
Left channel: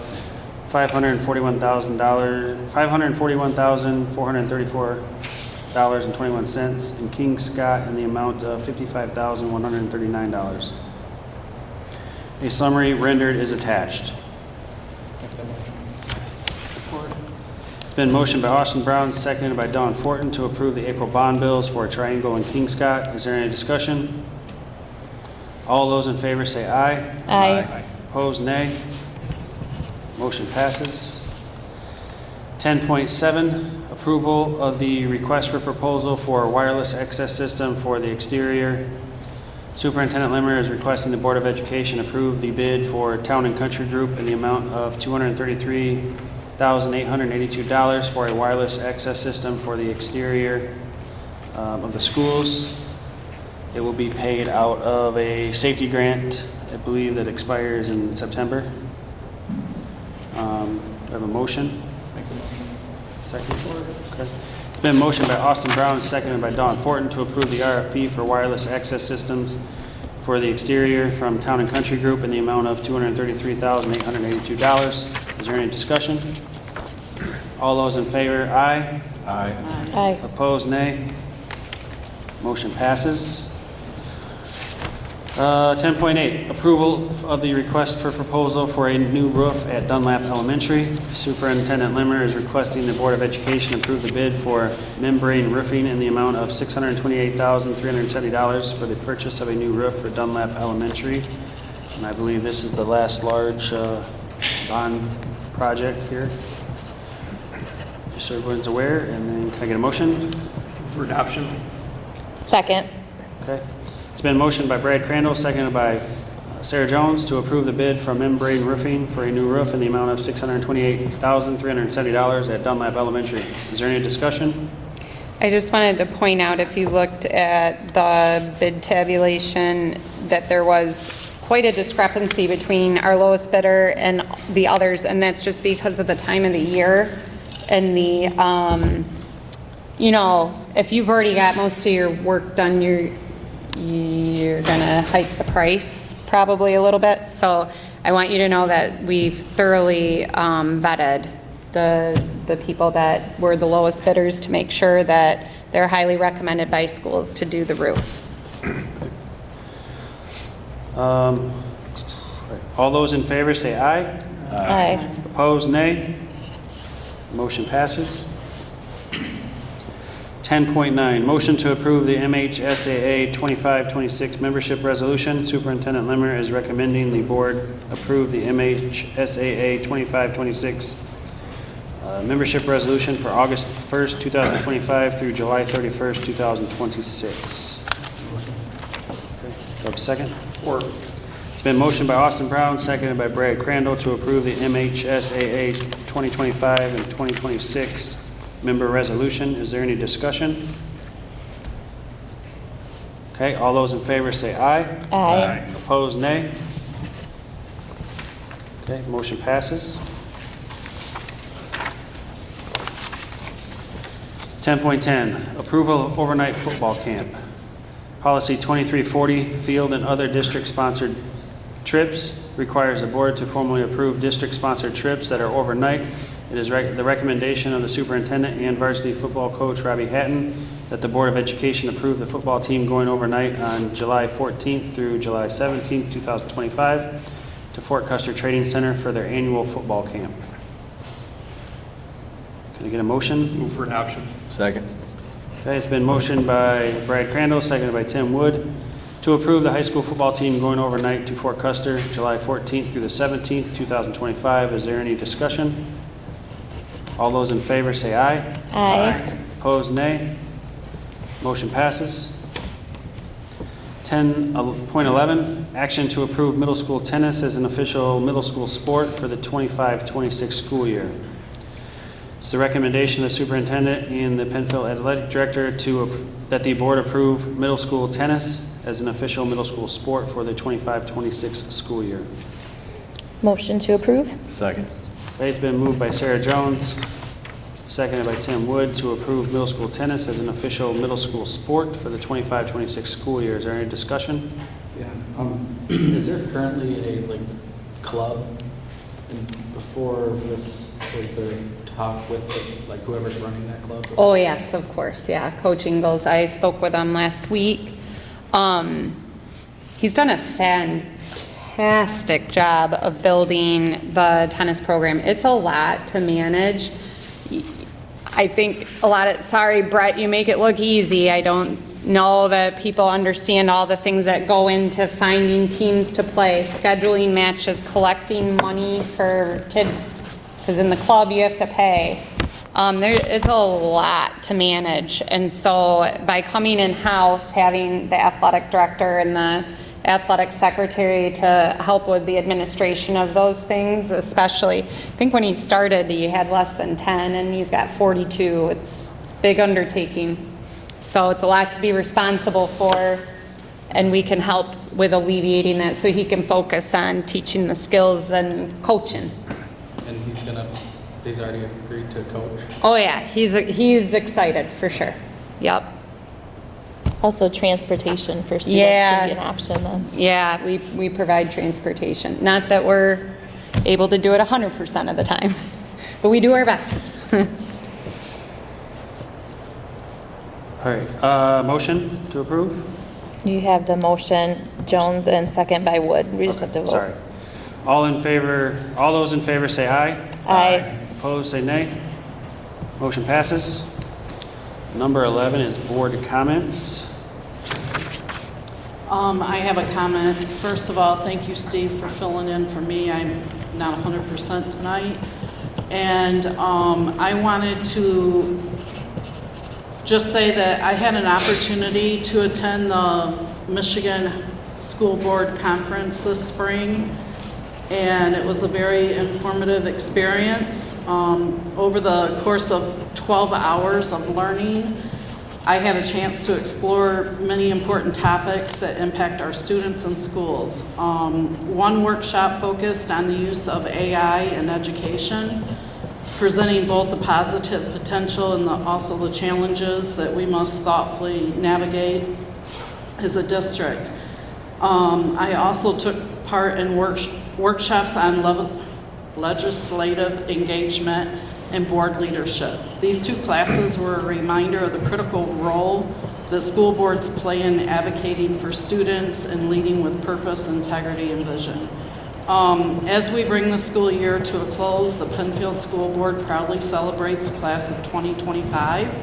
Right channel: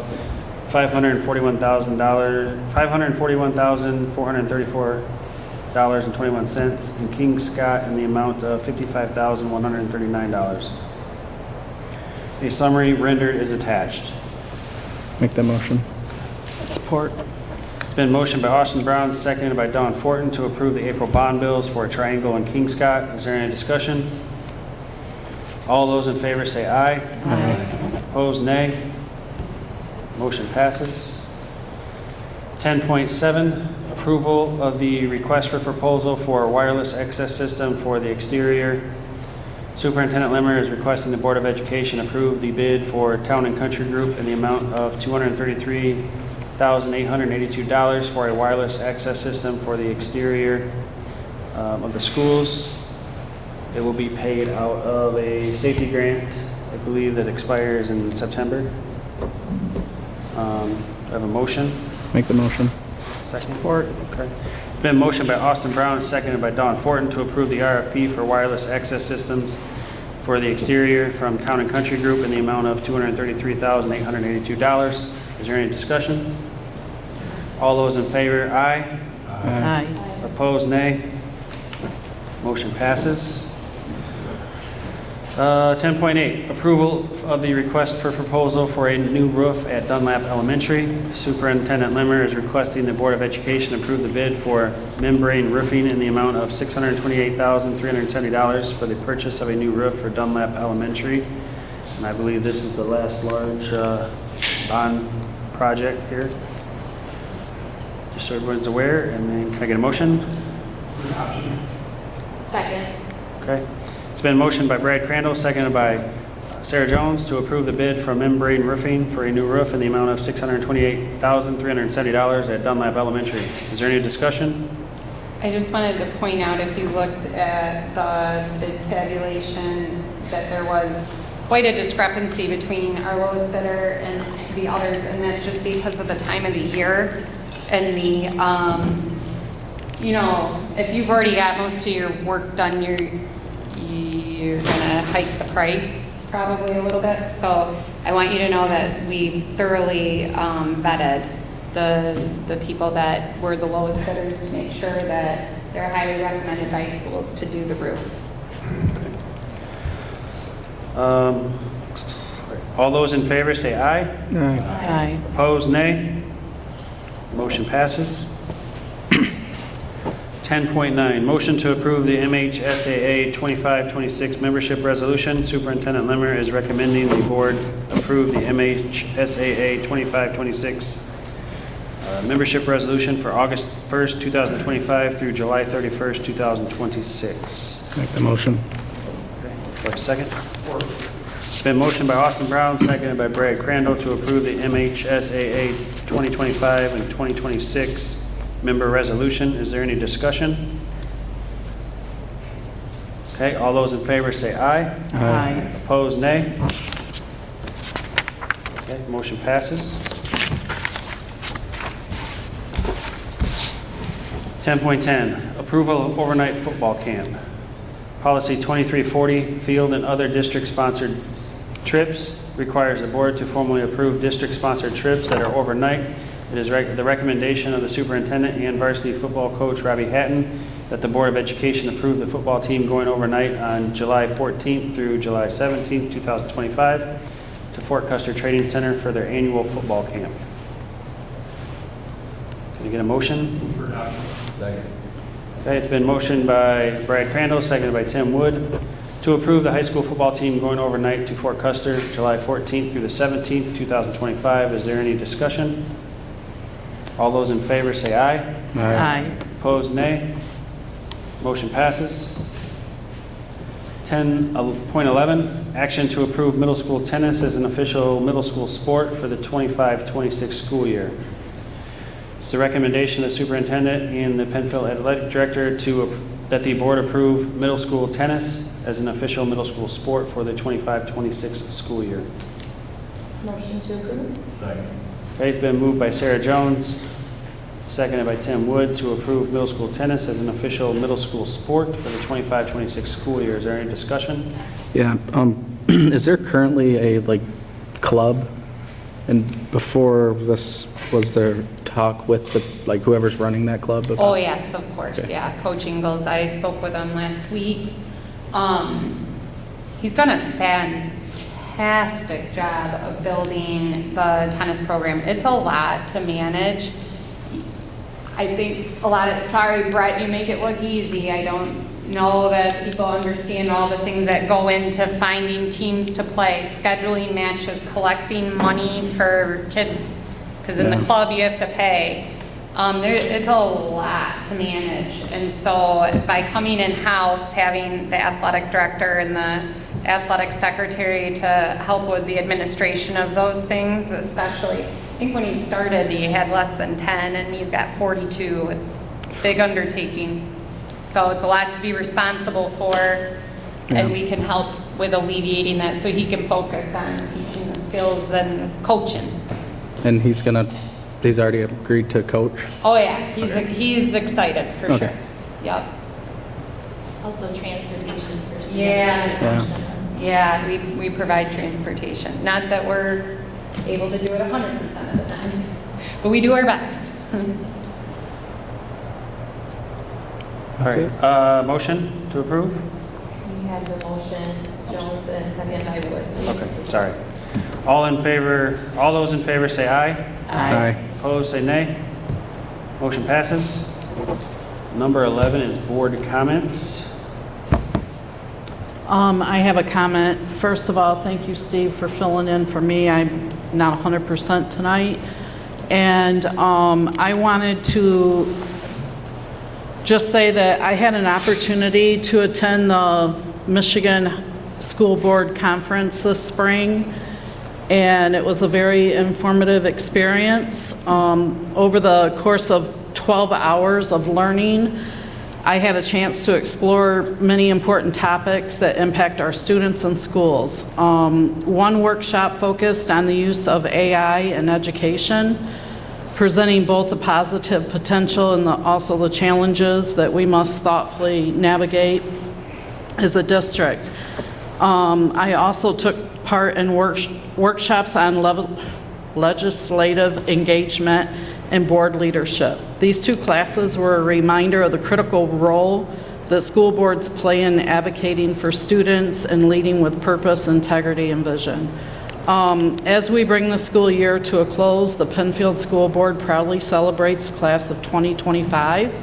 $541,434.21, and King Scott in the amount of $55,139. A summary rendered is attached. Make that motion. Support. It's been motioned by Austin Brown, seconded by Don Fortin to approve the April bond bills for Triangle and King Scott. Is there any discussion? All those in favor say aye. Aye. Opposed, nay. Motion passes. 10.7, approval of the request for proposal for a wireless access system for the exterior. Superintendent Limmer is requesting the Board of Education approve the bid for Town and Country Group in the amount of $233,882 for a wireless access system for the exterior of the schools. It will be paid out of a safety grant, I believe, that expires in September. Do I have a motion? Make the motion. Second for it? Okay. It's been motioned by Austin Brown and seconded by Don Fortin to approve the RFP for wireless access systems for the exterior from Town and Country Group in the amount of $233,882. Is there any discussion? All those in favor, aye. Aye. Aye. Opposed, nay. Motion passes. 10.8, approval of the request for proposal for a new roof at Dunlap Elementary. Superintendent Limmer is requesting the Board of Education approve the bid for membrane roofing in the amount of $628,370 for the purchase of a new roof for Dunlap Elementary. And I believe this is the last large bond project here. Just so everyone's aware, and then can I get a motion? For adoption. Second. Okay. It's been motioned by Brad Crandall, seconded by Sarah Jones to approve the bid from Membrane Roofing for a new roof in the amount of $628,370 at Dunlap Elementary. Is there any discussion? I just wanted to point out, if you looked at the bid tabulation, that there was quite a discrepancy between our lowest bidder and the others, and that's just because of the time of the year and the, if you've already got most of your work done, you're gonna hike the price probably a little bit. So I want you to know that we've thoroughly vetted the people that were the lowest bidders to make sure that they're highly recommended by schools to do the roof. All those in favor say aye. Aye. Opposed, nay. Motion passes. 10.9, motion to approve the MHSAA 2526 membership resolution. Superintendent Limmer is recommending the board approve the MHSAA 2526 membership resolution for August 1st, 2025 through July 31st, 2026. Make the motion. Okay, do I have a second? It's been motioned by Austin Brown, seconded by Brad Crandall to approve the MHSAA 2025 and 2026 member resolution. Is there any discussion? Okay, all those in favor say aye. Aye. Opposed, nay. Okay, motion passes. 10.10, approval of overnight football camp. Policy 2340, field and other district-sponsored trips, requires the board to formally approve district-sponsored trips that are overnight. It is the recommendation of the superintendent and varsity football coach Robbie Hatton that the Board of Education approve the football team going overnight on July 14th through July 17th, 2025 to Fort Custer Trading Center for their annual football camp. Can you get a motion? Move for adoption. Second. Okay, it's been motioned by Brad Crandall, seconded by Tim Wood, to approve the high school football team going overnight to Fort Custer, July 14th through the 17th, 2025. Is there any discussion? All those in favor say aye. Aye. Opposed, nay. Motion passes. 10.11, action to approve middle school tennis as an official middle school sport for the 25-26 school year. It's the recommendation of the superintendent and the Penfield Athletic Director that the board approve middle school tennis as an official middle school sport for the 25-26 school year. Motion to approve? Second. Okay, it's been moved by Sarah Jones, seconded by Tim Wood, to approve middle school tennis as an official middle school sport for the 25-26 school year. Is there any discussion? Yeah, is there currently a, like, club? And before this, was there talk with, the like, whoever's running that club? about- Oh, yes, of course, Okay. yeah. Coach Ingles, I spoke with him last week. He's done a fantastic job of building the tennis program. It's a lot to manage. I think sorry, Brett, you make it look easy. I don't know that people understand all the things that go into finding teams to play, scheduling matches, collecting money for kids, because in the club you have to pay. It's a lot to manage, and so by coming in-house, having the athletic director and the athletic secretary to help with the administration of those things, especially, I think when he started, he had less than 10, and he's got 42. It's a big undertaking. So it's a lot to be responsible for, and we can help with alleviating that so he can focus on teaching the skills and coaching. And he's already agreed to coach? Oh yeah, he's excited for Okay. sure. Yep. Also transportation for students. Yeah. would be an option then. Yeah, we provide transportation. Not that we're able to do it 100% of the time, but we do our best. All right, motion to approve? You have the motion, Jones, and second by Wood. We just have to vote. Sorry. All those in favor say aye. Aye. Opposed, say nay. Motion passes. Number 11 is board comments. I have a comment. First of all, thank you, Steve, for filling in for me. I'm not 100% tonight. And I wanted to just say that I had an opportunity to attend the Michigan School Board Conference this spring, and it was a very informative experience. Over the course of 12 hours of learning, I had a chance to explore many important topics that impact our students and schools. One workshop focused on the use of AI in education, presenting both the positive potential and also the challenges that we must thoughtfully navigate as a district. I also took part in workshops on legislative engagement and board leadership. These two classes were a reminder of the critical role that school boards play in advocating for students and leading with purpose, integrity, and vision. As we bring the school year to a close, the Penfield School Board proudly celebrates the class of 2025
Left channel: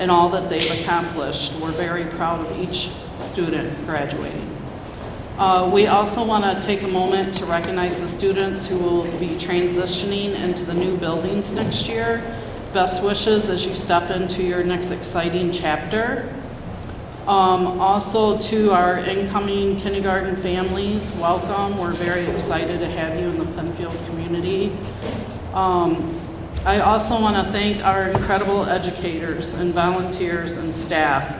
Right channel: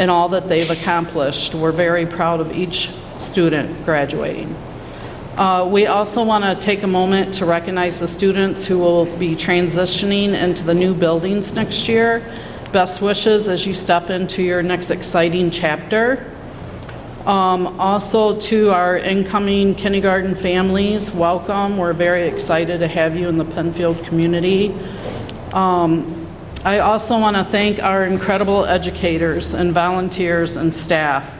and all that they've accomplished. We're very proud of each student graduating. We also want to take a moment to recognize the students who will be transitioning into the new buildings next year. Best wishes as you step into your next exciting chapter. Also to our incoming kindergarten families, welcome. We're very excited to have you in the Penfield community. I also want to thank our incredible educators and volunteers and staff.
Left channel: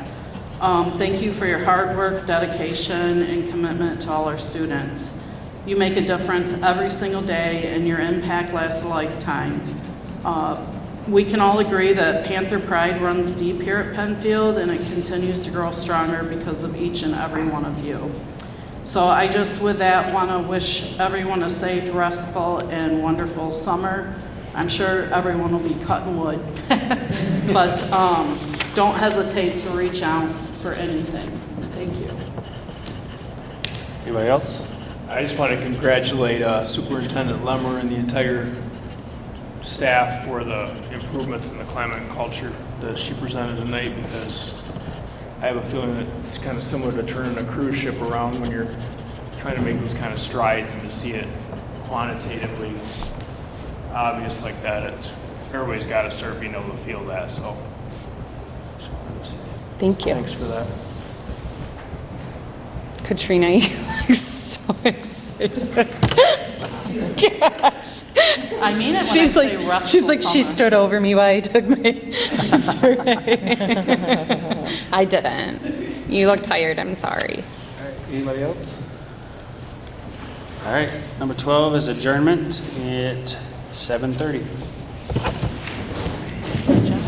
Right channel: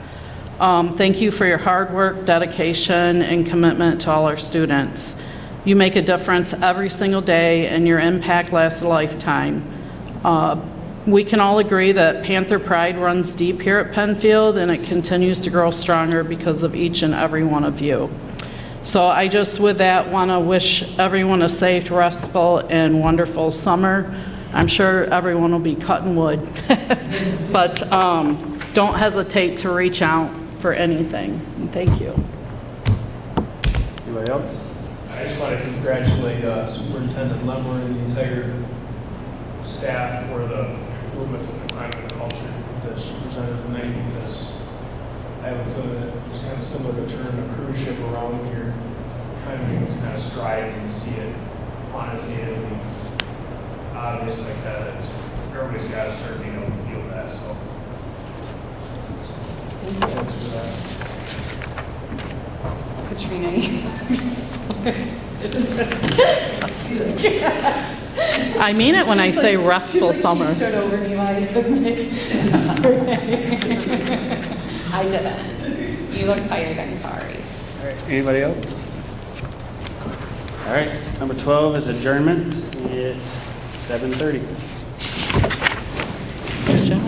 Thank you for your hard work, dedication, and commitment to all our students. You make a difference every single day, and your impact lasts a lifetime. We can all agree that Panther Pride runs deep here at Penfield, and it continues to grow stronger because of each and every one of you. So I just, with that, want to wish everyone a safe, restful, and wonderful summer. I'm sure everyone will be cutting wood, but don't hesitate to reach out for anything. And thank you. Anybody else? I just want to congratulate Superintendent Lemmer and the entire staff for the improvements in the climate and culture that she presented tonight, because I have a feeling that it's kind of similar to turning a cruise ship around when you're trying to make those kind of strides, and to see it quantitatively obvious like that. Everybody's got to start being able to feel that, so. Thank you. Thanks for that. Katrina, you look so Gosh. I mean it when I She's say like- restful She's summer. like, she stood over me while I took my spray. I didn't. You look tired, I'm sorry. All right, anybody else? All right, number 12 is adjournment at 7:30. Good job.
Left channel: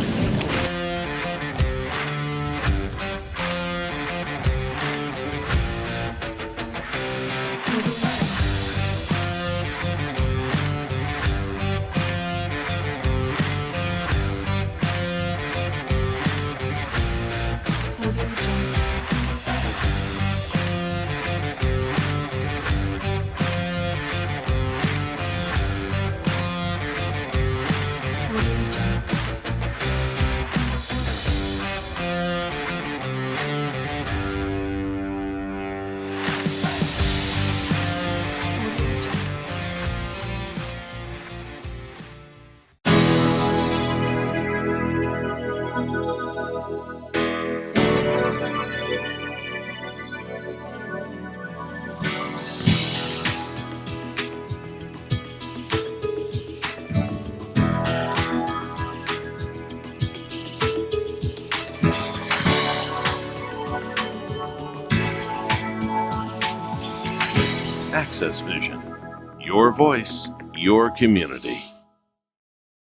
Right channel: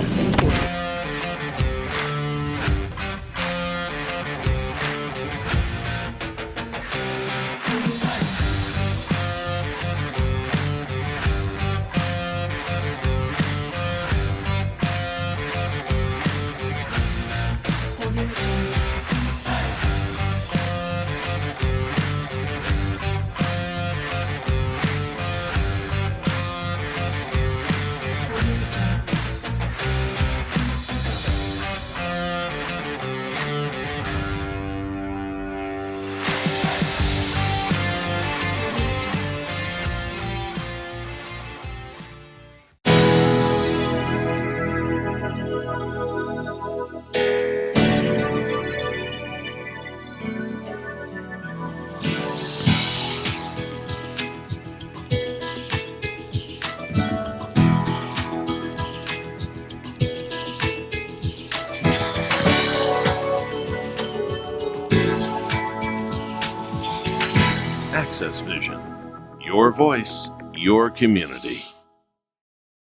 Access Vision. Your voice, your community.